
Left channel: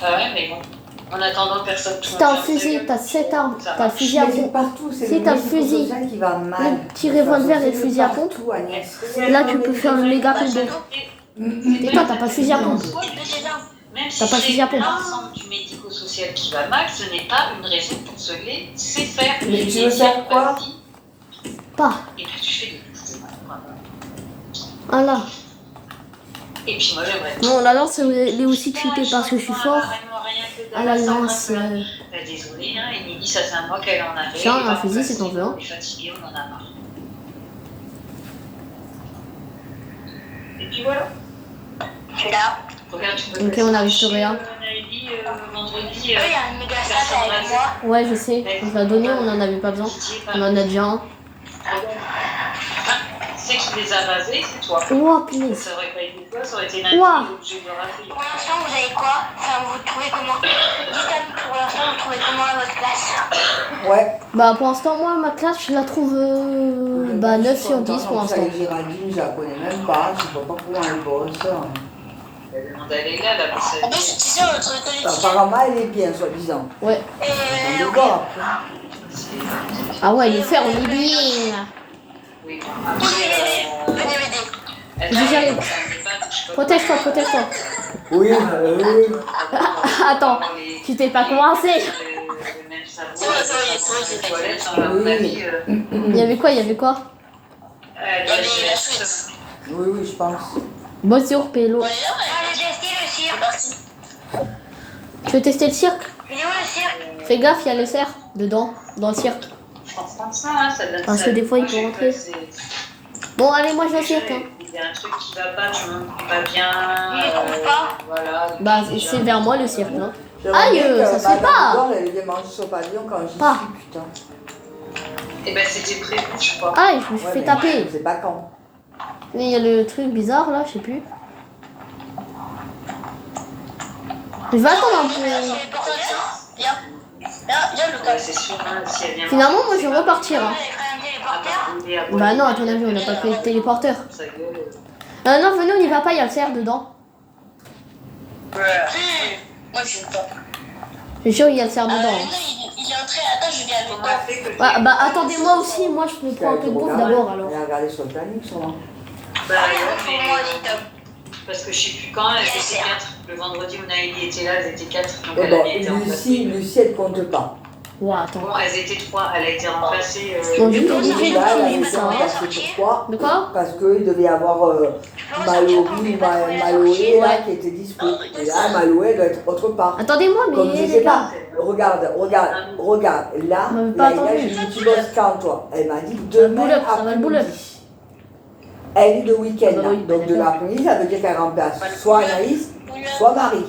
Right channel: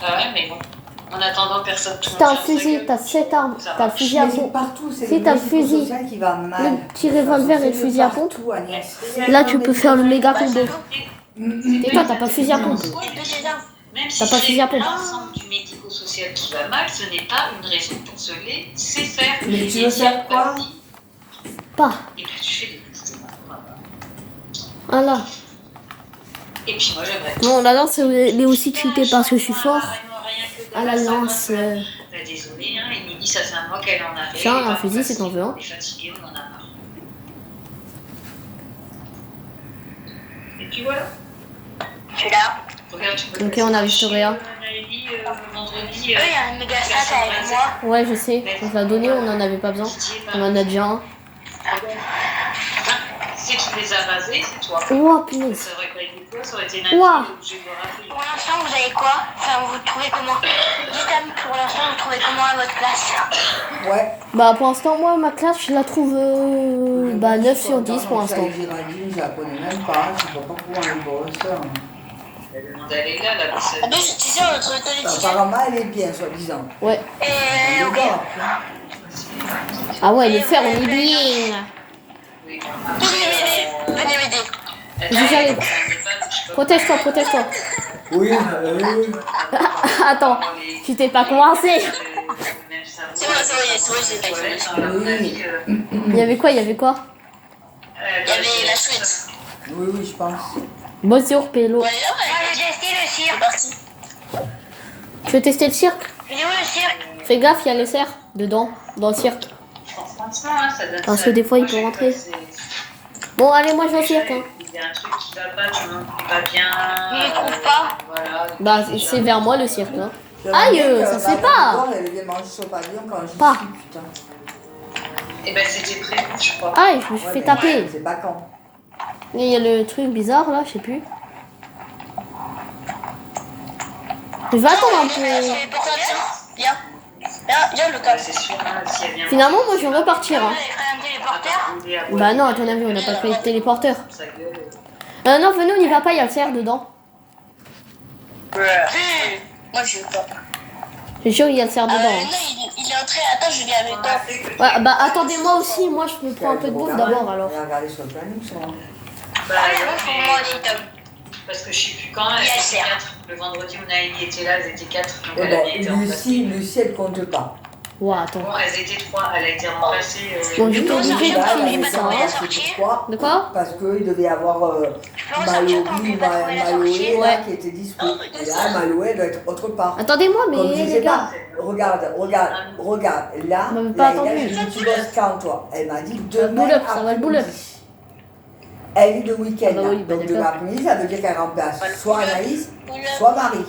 Ah ouais, mais bon. En attendant, personne. Tout Si le t'as monde un ferme sa fusil, gueule. t'as 7 armes, Ça t'as le marche. fusil à Mais c'est pompe. partout, c'est Si le t'as le médico-social qui va mal. le petit revolver et le fusil à pompe. Partout, Agnès. Là, tu peux faire le méga combo. Et toi, t'as pas de fusil à pompe. Même si T'as pas de fusil à c'est pompe. l'ensemble du médico-social qui va mal, ce n'est pas une raison pour se laisser faire. Mais tu veux faire quoi? Pas. Et puis tu fais des bouches de mal. Voilà. Et puis moi j'aimerais. Non, la lance, elle est aussi cheatée parce que je suis fort. À la lance. Désolée, hein, Émilie, ça fait un mois qu'elle en a fait. Tiens, un fusil, c'est ton vœu. On est fatigué, on en a marre. Et puis voilà. Je suis là. Regarde, tu peux Ok, passer on a chez, restaurer un. Naëlie, vendredi. Eux, il y a une méga salle personne avec rasée. moi. Ouais, je sais. On l'a donné, on en avait pas besoin. Didier, On en a déjà un. C'est qui les a rasés, c'est toi. Oh, punaise. Ça aurait pas été toi, ça aurait été Naëlie, Ouah. obligé de raser. Pour l'instant, vous avez quoi? Enfin, vous trouvez comment? Dites-moi, pour l'instant, vous trouvez comment à votre classe? Ouais. Bah, pour l'instant, moi, ma classe, je la trouve. Bah, 9 sur 10 pour l'instant. Géraldine, je la connais même pas, je sais pas comment elle bosse. Elle demande à Léla, la bosse. Ah ben, tu sais, on trouve que les Apparemment, elle est bien, soi-disant. Ouais. On Et va voir après. Ah ouais, les fers, on est bien. Oui, bon, venez m'aider. J'arrive. Protège-toi, protège-toi. Oui, Attends, tu t'es pas coincé. C'est vrai, Il y avait quoi? Il y avait quoi? Il y avait la suite. oui, oui, je pense. Bonjour, Pélo. Allez, tester le cirque. C'est parti. Tu veux tester le cirque? Il est où le cirque? Fais gaffe, il y a les cerfs dedans, dans le cirque. Parce que des fois, il peut rentrer. Bon, allez, moi je vais au cirque. Hein. Il y a un truc qui va pas, je me pas bien. Il ne trouve pas. Voilà. Bah, c'est vers moi le cirque. Hein. J'aimerais Aïe, bien que ça se fait Madame pas. Igor, elle ait mangé son pavillon quand j'y Pas. suis, putain. Et ben c'était prévu, je crois. Aïe, je me suis Ouais, fait mais taper. Je sais pas quand. Et il y a le truc bizarre là, je sais plus. Je vais attendre un peu. Viens. Viens, Ouais, Lucas. c'est sûr, hein, si elle vient. Finalement, moi je vais repartir. Hein. Bah non, à ton avis, on n'a pas créé de téléporteur. Sa gueule. Non, venez, on n'y va pas, il y a le cerf dedans. Moi, je veux pas. C'est sûr, il y a le cerf dedans. Non, Hein. il est entré. Attends, je viens avec On toi. a fait que. Ouais, bah attendez-moi aussi, moi je me prends un peu de bouffe d'abord alors. Elle a regardé sur le planning, sûrement. Bah ouais, Pour moi aussi, mais. Tom. Parce que je sais plus quand, elles Il y a le étaient cerf. 4. Le vendredi où Naëlie était là, elles étaient 4. Donc Ouais, elle bon, avait été remplacée. Lucie, elle compte pas. Ouais, attends. Bon, elles étaient 3, elle a été remplacée. Bon, du coup, Lucie, j'ai là, elle a tout été ça. remplacée pourquoi? De quoi? Parce qu'il devait y avoir Malory ou Maloé là qui était dispo. Et là, Maloé doit être autre part. Attendez-moi, mais. Comme je sais pas, regarde. Là, Mais pas Laïla, attendu. je lui ai dit, tu bosses quand toi? Elle m'a dit demain boule-up, ça va le boule-up. après-midi. Elle est de week-end, Ah bah là. oui, bah Donc de d'accord. l'après-midi, ça veut dire qu'elle remplace soit Anaïs, soit Marie.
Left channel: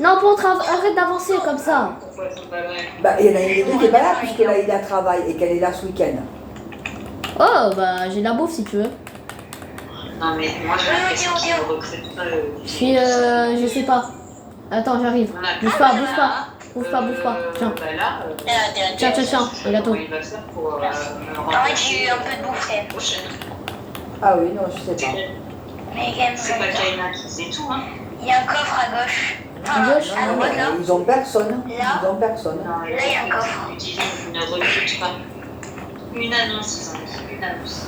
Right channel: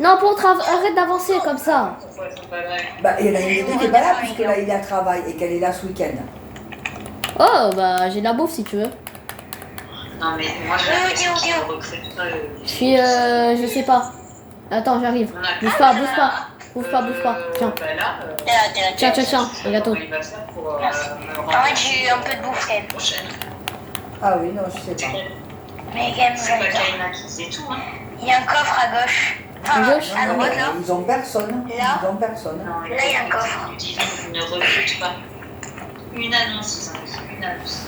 Non, arrête d'avancer comme ça. Pourquoi elles sont pas là? Bah, il y en a une des deux qui n'est pas là puisque Laïla travaille et qu'elle est là ce week-end. Oh, bah j'ai la bouffe si tu veux. Non, mais moi j'ai l'impression qu'ils ne recrutent pas. Je suis, je sais pas. Attends, j'arrive. Bouge pas, bouge pas. Bouge pas, bouge pas. Tiens. Bah là, Tiens, le gâteau. comment il va faire pour me En fait, j'ai eu un peu de bouffe. l'année prochaine? Ah oui, non, je sais pas. Mais quand même, C'est pas Kaina qui faisait tout, hein. il y a un coffre à gauche. À gauche? À droite, là. Ils ont personne. Ils ont personne. Non, Là, il y a un coffre. ils ne recrutent pas. Une annonce, ils ont dit. Une annonce.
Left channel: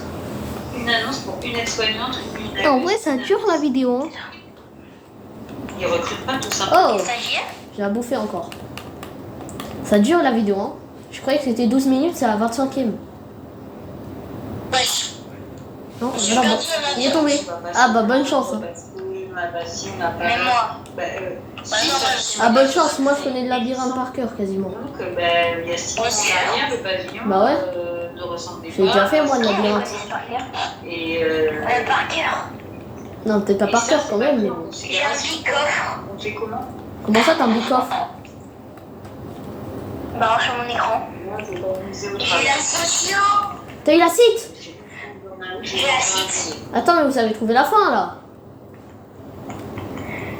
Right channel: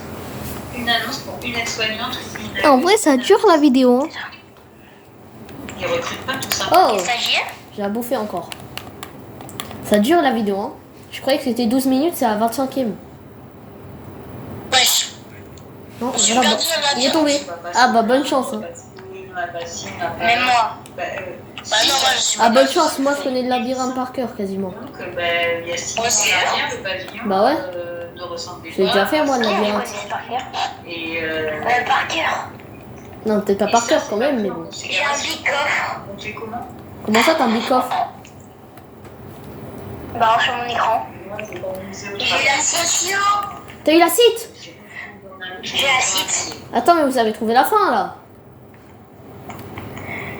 une annonce pour une aide-soignante. Et en vrai, ça dure la vidéo. Hein. Ils recrutent pas tout ça. Oh, Stagiaire. j'ai à bouffer encore. Ça dure la vidéo. Hein. Je croyais que c'était 12 minutes, c'est à 25e. Wesh. Non, J'ai voilà, perdu la il est tombé. Ah bah bonne chance. Hein. Même moi. Ah bonne chance, moi je connais le labyrinthe par cœur quasiment. Donc, il y a 6 mois en arrière, le pavillon Bah ouais. ne ressemblait J'ai pas. déjà fait moi le labyrinthe. Et Par cœur. Non, peut-être pas et par ça, cœur c'est quand pas même. fait Mais... en J'ai un considération. big coffre. On fait comment? Comment ça t'as un big coffre? Bah, sur mon écran. Moi, je vais organiser au J'ai travail. la socio. T'as eu la cite? J'ai la cite. Attends, mais vous avez trouvé la fin là.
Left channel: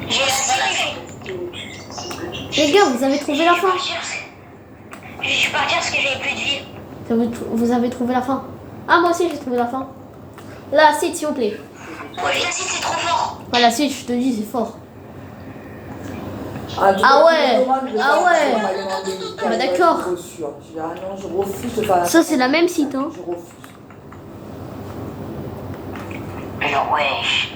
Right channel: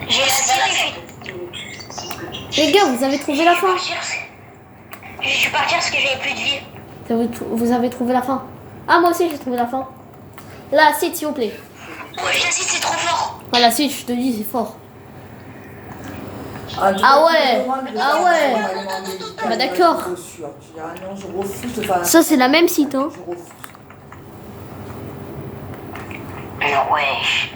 J'ai la cite. Les gars, vous avez trouvé la fin. Je suis partie parce que j'avais plus de vie. Vous avez trouvé la fin. Ah moi aussi j'ai trouvé la fin. La cite s'il vous plaît. Ouais, la cite, c'est trop fort. Ouais, la cite, je te dis, c'est fort. Ah, tu Ah vois, ouais. tu me demandes de Ah faire ouais. un maillot médical, Bah, d'accord. je suis sûre. Je dis, ah non, je refuse de faire la Ça c'est la même site hein. Je refuse. Alors, wesh.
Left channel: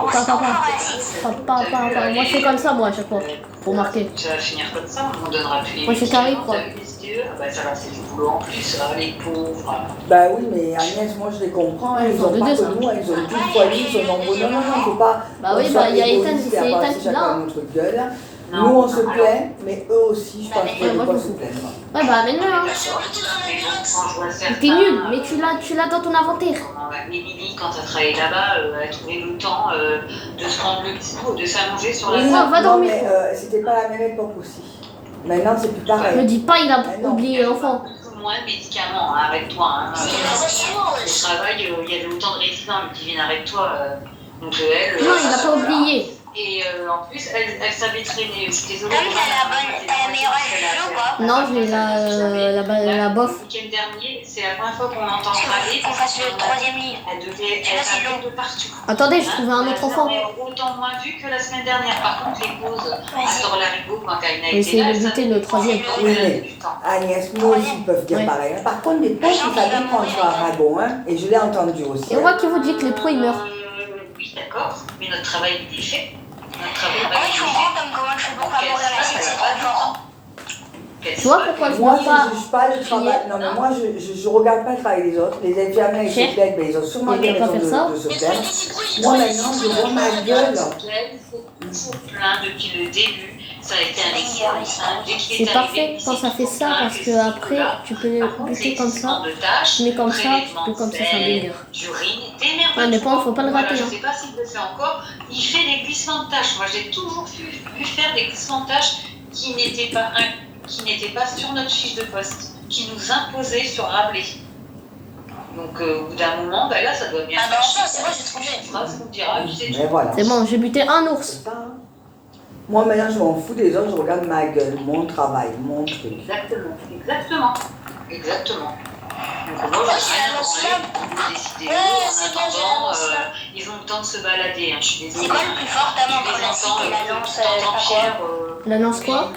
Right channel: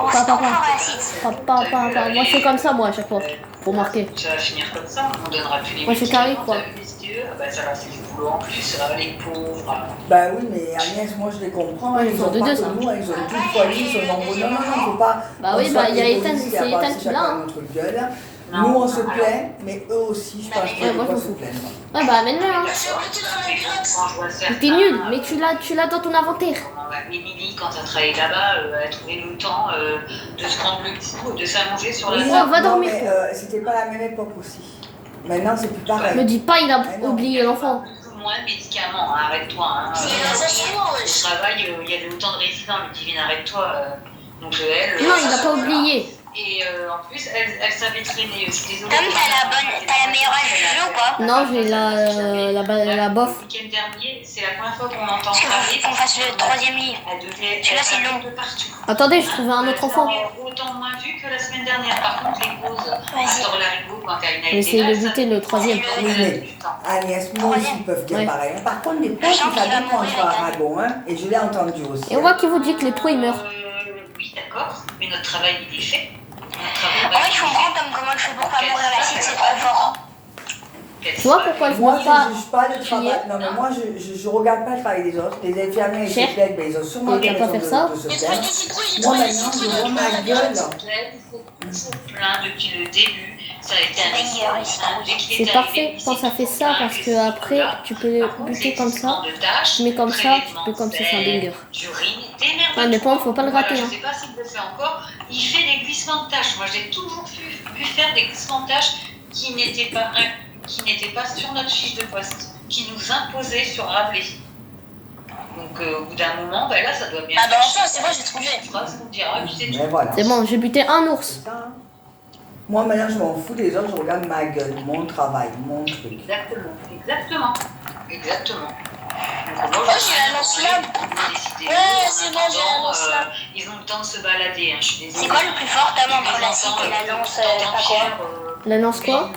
On Pas, se pas, fort pas. la cite. Pas. Moi je fais comme ça moi à chaque fois. Pour marquer. Ça va finir comme ça, on donnera plus les Moi, c'est carré, médicaments, quoi. t'as vu les SDE, ah bah ça va, c'est du boulot en plus, les pauvres. Bah oui, mais Agnès, moi je les comprends, hein, Ils ils sont ont de pas deux, que ça. nous, hein, ils ont tout foyer, ils sont nombreux. Non, faut pas. Bah on oui, soit bah, il y a égoïste Ethan, et c'est à Ethan passer qui chacun l'a. à notre gueule. Non, Nous on se alors- plaint, mais eux aussi, je pense qu'il y a moi, de quoi je se m'en plaindre. Ouais bah amène-le hein. Mais bon, quand je vois Mais certains, t'es nul, mais tu l'as dans ton inventaire. comment, Émilie, quand elle travaillait là-bas, elle a trouvé le temps de se prendre le petit coup, de s'allonger sur la Oui, va table. non, dormir. mais c'était pas la même époque aussi. Maintenant c'est plus Me pareil. dis pas il a Mais non. oublié l'enfant. Beaucoup moins de médicaments, hein, arrête-toi. Hein. C'est la socio, Au wesh. travail, il y avait autant de résidents, lui divine, arrête-toi. Donc elle. Non, il a pas oublié. Et en plus, elle savait traîner. Je suis désolée. Ah, mais t'as la meilleure jeu ou pas? Non, j'ai la bof. Le week-end dernier, c'est la première fois qu'on entend Parce parler. qu'il faut qu'on fasse le troisième livre. Elle devait Celui-là, c'est être long. de partout. Attendez, je trouvais un autre enfant. Elle est autant moins vue que la semaine dernière. Par contre, les pauses à Larigot, quand Karina Je vais essayer de buter le troisième. Oui, mais Agnès, nous aussi ils peuvent dire Ouais. pareil. Par contre, les potes, ils savent prendre sur Aragon, hein, et je l'ai entendu aussi. Et on voit qui vous dit que les pros ils meurent. Oui, d'accord. Mais notre travail, il est fait. Notre travail, En fait, je comprends comme comment je fais pour pas mourir la cite, c'est trop fort. Tu vois pourquoi je Moi, vois je pas. ne juge pas le travail. Non, mais moi, je regarde pas le travail des autres. Les infirmières, ils Cher. se plaignent, mais ils ont sûrement Moi, des je peux pas raisons faire ça. de se Mais plaindre. trouver des citrouilles, Moi, trouver des maintenant, je citrouilles, vois ma trouver des gueule. Il faut toujours plein depuis le début. Ça a été un meilleur, excellent. Dès qu'il C'est est parfait arrivé, quand ça fait ça parce que après tu peux Par contre, buter les comme ça. glissements de tâches, Mais comme ça, tu prélèvement peux comme ça, de c'est un sel, banger. d'urine, démerde-toi. Ouais, mais pour moi, faut pas le Voilà, rater, je hein. sais pas s'il le fait encore. Il fait des glissements de tâches. Moi, j'ai toujours vu faire des glissements de tâches qui n'étaient pas sur notre fiche de poste, qui nous imposaient sur Rabelais. Donc, au bout d'un moment, ben là, ça doit bien Ah, ben faire enfin, chier. c'est vrai, j'ai trouvé. Tu feras ce qu'on te dira, puis c'est tout. Mais voilà. C'est bon, j'ai buté un ours. C'est ça, hein. Moi, maintenant, je m'en fous des autres, je regarde ma gueule, mon travail, mon truc. Exactement. Donc, moi, Ouais, j'en ai rien à c'est branler. un Vous décidez. Ouais, En c'est bien, attendant, j'ai un ils ont le temps de se balader. Hein. Je suis désolée. C'est quoi le plus fort, ta main, Les entre la cite enfants, et la lance t'entends Pierre, La lance quoi?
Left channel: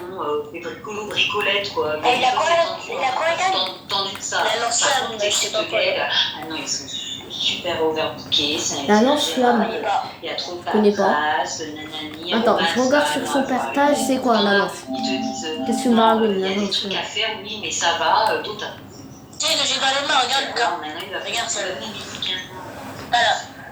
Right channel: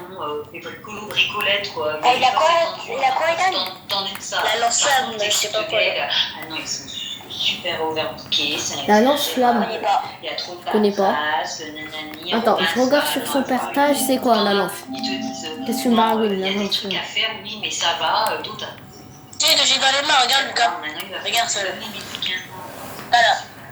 des bricolos, bricolettes, quoi. Et la quoi, Ethan Tendu de ça. La lance Par flamme, contre, je les sais pas petites quoi. gueules, ah non, ils sont super overbookés. La lance flamme. On y va. Il y a trop de connais pas. paperasse, nanani. Attends, je regarde sur son partage, c'est quoi la lance? Ils te disent, Qu'est-ce que non, Marawin, il y a la des lance trucs flamme. à faire, oui, mais ça va, d'autres. Tiens, j'ai dans les mains, regarde, Lucas. Maintenant, il va Regarde ça. faire des médicaments. Voilà.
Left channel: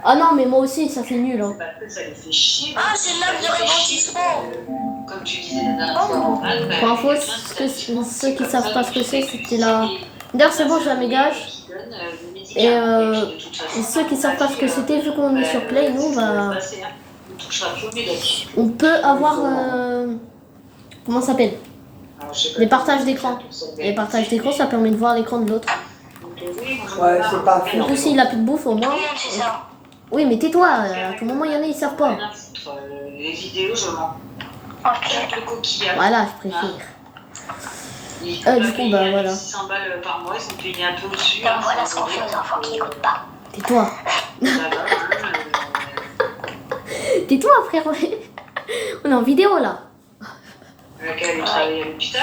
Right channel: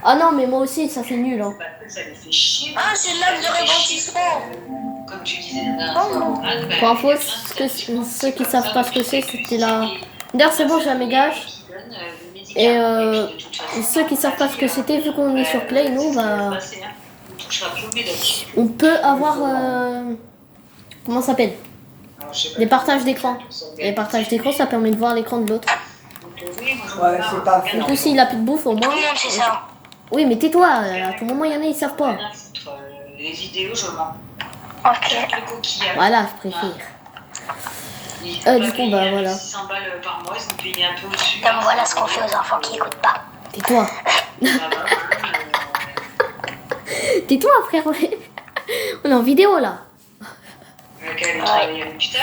Ah non, mais moi aussi, ça fait nul. Hein. Parce que ça les fait chier. Ah, c'est Ça l'âme les de fait chier. rebondissement. Comme tu disais la dernière fois, Morane, Pour info, ceux qui savent pas ce que c'est, c'était la... D'ailleurs, c'est bon, j'ai un mégage. Et ceux qui savent pas ce que c'était, vu qu'on est sur Play, nous, bah, on peut avoir... comment ça s'appelle? Des partages d'écran. Et les partages d'écran, ça permet de voir l'écran de l'autre. Ouais, c'est pas fait. En plus, s'il a plus de bouffe, au Tout moins... le monde sait ça. Oui, mais tais-toi, à tout moment, il y en a, ils savent pas. Les vidéos, je mens. Ok. Le coquillage. Voilà, je préfère. Ils Du ont coup, payé bah, voilà. 600 balles par mois, ils ont payé un peu au-dessus. Donc voilà ce qu'on fait aux enfants qui n'écoutent pas. Tais-toi. Ça va, Tais-toi, frère. On est en vidéo, là. lequel travaille à l'hôpital.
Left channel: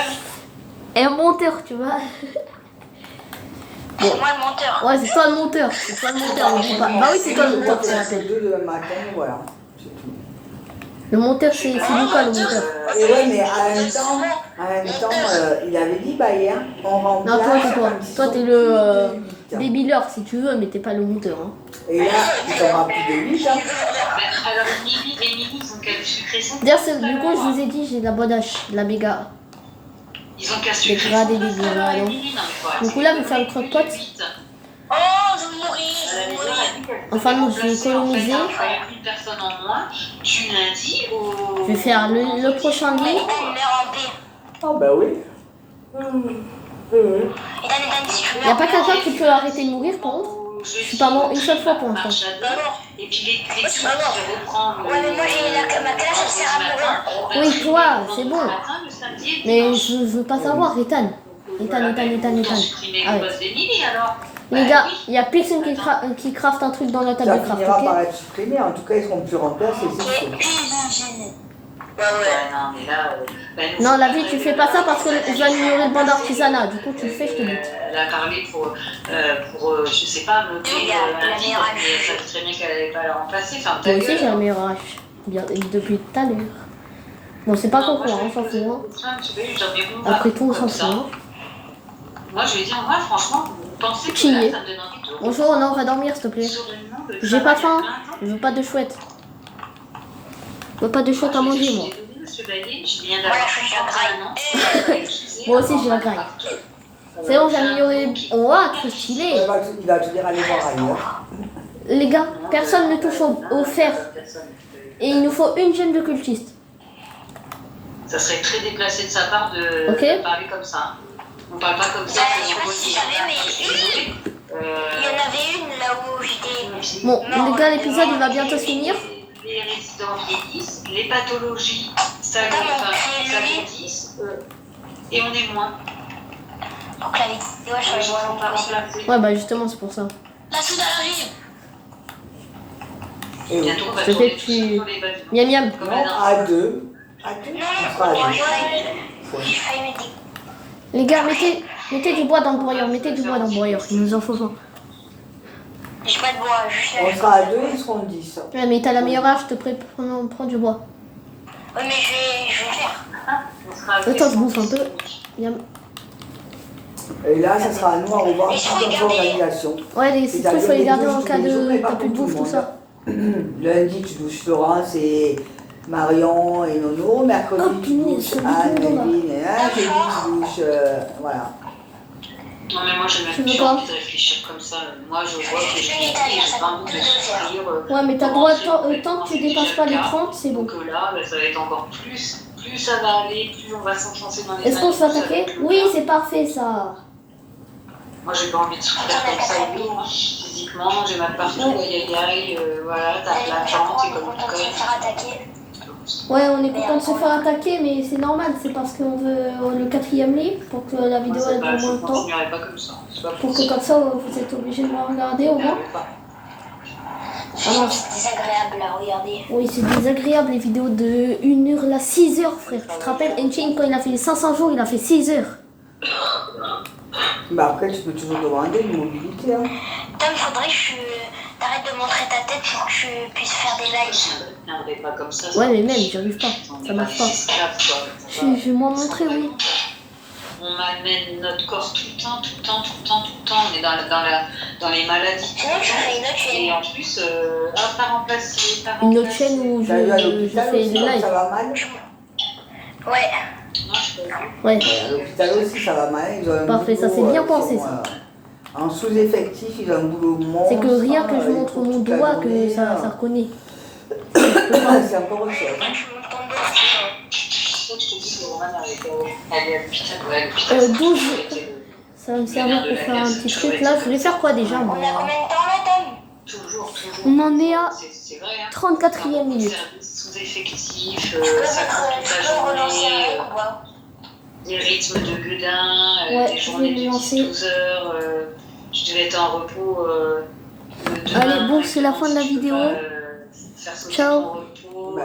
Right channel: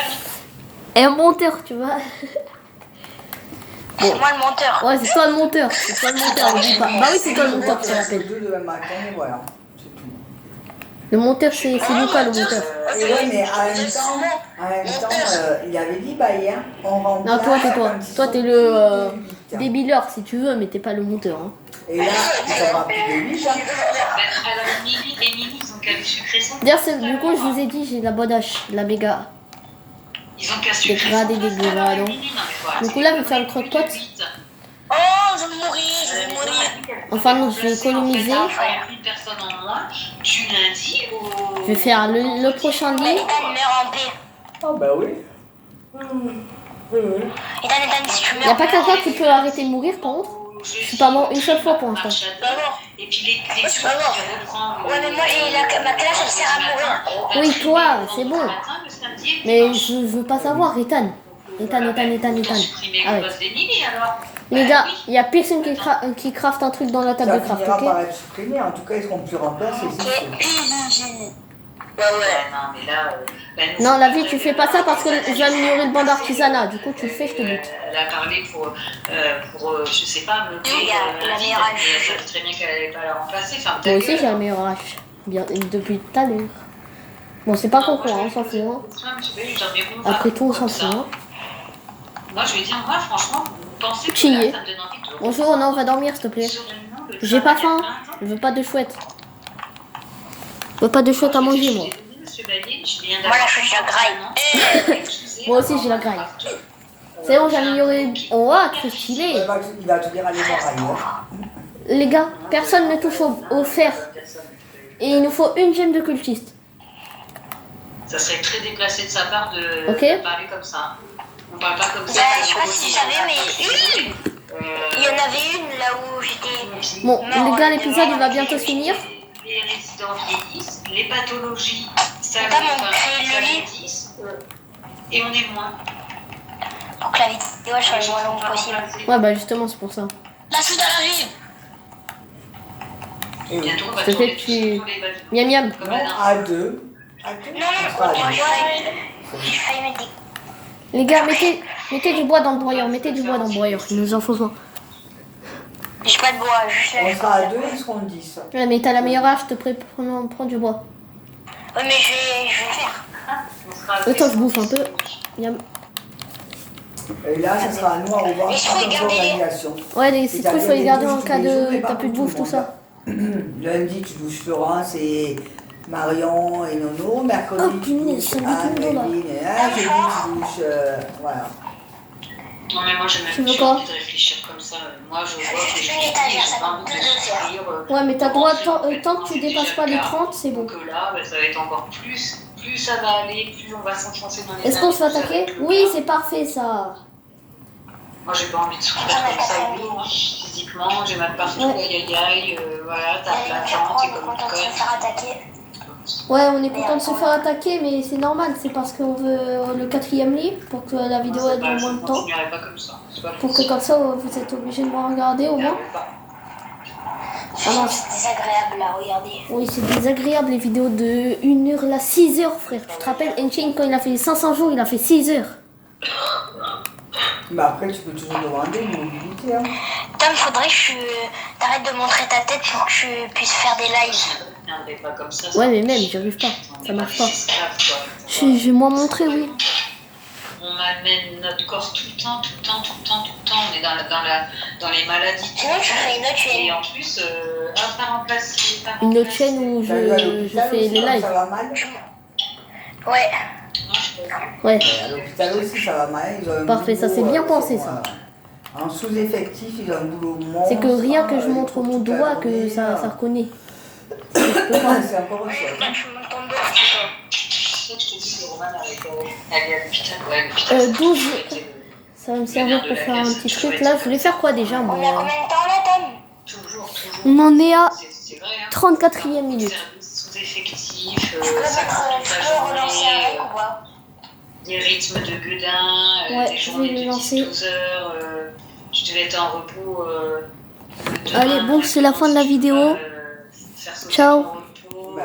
Et un monteur, tu vois. C'est moi le monteur. Ouais, c'est toi le monteur. C'est toi le monteur, oublie pas. Bah oui, c'est toi le monteur, c'est la peine. 2 demain matin, et voilà. C'est tout. Le monteur, c'est Lucas le monteur. Et ouais, mais en même temps, il avait dit, bah hier, on remplace. Non, toi, c'est toi. quand ils Toi, sont t'es plus le de 8. débileur si tu veux, mais t'es pas le monteur. Hein. Et là, ils sont pas plus de 8. Hein. Alors, Émilie, ils ont qu'à lui sucrer son D'ailleurs, du coup, je vous ai dit, j'ai de la bonne hache, de la méga. Ils ont qu'à sucrer son Dégradé, poste, dégradé. alors, Émilie. Non, mais voilà. Du coup, là, je vais faire le croque-pot. Oh, je vais mourir. Enfin, non, je vais économiser. Une personne en moins du lundi au. Je vais faire le prochain lit. Ah, bah oui. Y a pas quelqu'un qui peut arrêter de mourir, par contre? Je suis pas mort une seule fois pour l'instant. Et puis les trucs qui reprend. Ouais, mais moi, ma calage, elle sert à mourir. Oui, toi, c'est bon. Mais je veux pas savoir, Ethan. Ethan. Ah ouais. Les gars, il y a personne qui craft un truc dans la table Ça de craft, finira par ok? être supprimé. En tout cas, ils seront plus remplacés, c'est sûr. Non, mais là. Non, la vie, tu fais pas ça parce que je vais améliorer le banc d'artisanat. Du coup, tu le fais, je te bute. Elle a parlé pour je sais pas, meubler un vide, mais ça fait très bien qu'elle n'allait pas la remplacer. Enfin, Moi aussi, j'ai un meilleur hache. Bien, depuis tout à l'heure. Bon, c'est pas concours, on s'en fout. Hein. Après tout, on s'en fout. Hein. Moi, je lui ai dit, en vrai, franchement, vous pensez que Qui là, est ça me donne envie de Bonjour, non, on va dormir, s'il te plaît. J'ai pas faim. Je veux pas de chouette. Je veux pas de chouette à manger, moi. Monsieur Bailly, je viens d'avoir Moi aussi, j'ai la graille. C'est bon, j'ai amélioré. Oh, trop stylé. Il va te dire aller voir ailleurs. Les gars, personne ne touche au fer. Et il nous faut une gemme de cultiste. Ça serait très déplacé de sa part de parler comme ça. On parle pas comme ça, Je sais pas si vous savez, mais il y en avait une là où j'étais. Bon, les gars, l'épisode il va bientôt se finir. Les résidents vieillissent, les pathologies s'agrandissent, et on est moins. Donc la vidéo, elle change le moins possible. Ouais, bah justement, c'est pour ça. La soudaine arrive. Et bientôt, on va Je te fais tourner tu... sur les balles. Miam miam. non, à 2. On sera à 2. J'ai failli me dire. Les gars, mettez du bois dans le broyeur. Mettez du bois dans le broyeur. Il nous en faut 20. J'ai pas de bois, je On sera à 2, ils seront 10. Ouais, mais t'as la meilleure hache, je te prends du bois. Ouais, mais je vais le faire. On sera à Attends, je bouffe un peu. Miam. Et là, ça sera à nous à revoir toute notre organisation. Ouais, les citrons, il faut les garder en cas de. T'as plus de bouffe, tout ça. Lundi, tu douches Florence et Marion et Nono. Mercredi, Oh, tu punaise, douches c'est Anne, beaucoup, là. Evelyne et Anne. Jeudi, tu douches. Voilà. Non, mais moi, j'ai Tu même veux plus quoi envie de réfléchir comme ça. Moi, je vois que je vieillis et j'ai pas envie de souffrir. Ouais, mais t'as comment droit, c'est- tant que tu dépasses pas les 30, c'est bon. Donc là, ça va être encore plus ça va aller, plus on va s'enfoncer dans les Est-ce qu'on se fait années, plus ça va attaquer? être le Oui, cas. c'est parfait ça. Moi, j'ai pas envie de souffrir comme ça physiquement. J'ai mal partout, aïe aïe aïe, voilà, t'as plein de gens, t'es comme une On va conne. se faire attaquer. Ouais, on est content de se faire attaquer, mais c'est normal, c'est parce qu'on veut le 4e lit pour que la Moi, vidéo c'est elle pas, dure je moins de temps. continuerai pas comme ça. C'est pas Pour que possible. comme ça vous êtes obligé de me regarder au moins. J'arrive pas. Ah non. C'est désagréable à regarder. Oui, c'est désagréable les vidéos de 1 heure là, 6 heures frère. Tu te rappelles, Enchain quand il a fait 500 jours, il a fait 6 heures. Mais après, tu peux toujours demander une mobilité. Hein. Tom, faudrait que t'arrêtes de montrer ta tête pour que tu puisses faire des lives. Je ne viendrai pas comme ça. Ouais, mais même, j'y arrive pas. On Ça est marche pas pas. des esclaves, quoi. Ça Je va. vais moi montrer, oui. On amène notre corps tout le temps. On est dans les maladies. Sinon, tu ferais une autre chaîne. Et en plus, pas remplacer. Une autre chaîne où T'as eu à je l'hôpital fais aussi, les comme lives. ça va mal. Ouais. Non, je peux pas. Ouais. À l'hôpital aussi, ça va mal. Ils ont un Parfait, ça, boulot, c'est bien ils pensé, sont, ça. En sous-effectif, ils ont un boulot monstre. C'est que rien que je ils montre courent mon toute la doigt que journée, ça reconnaît. C'est encore autre chose. Là, Hein. tu montes ton dos. C'est ça que je te dis que Roman elle est à l'hôpital. Ouais, à l'hôpital. 12. Ça va me servir pour faire un petit truc. Là, je voulais faire quoi déjà, moi? On a combien de temps là, Tom? Toujours. On en est à C'est vrai, hein. 34e minute. Service sous-effectif, Je peux ça prend toute la relancer journée. avec ou pas? Des rythmes de gueudin, Ouais, des je journées vais le de lancer. 10-12 heures. Je devais être en repos. Allez, bon, c'est la fin de la vidéo. Faire sauter Ciao. ton repos.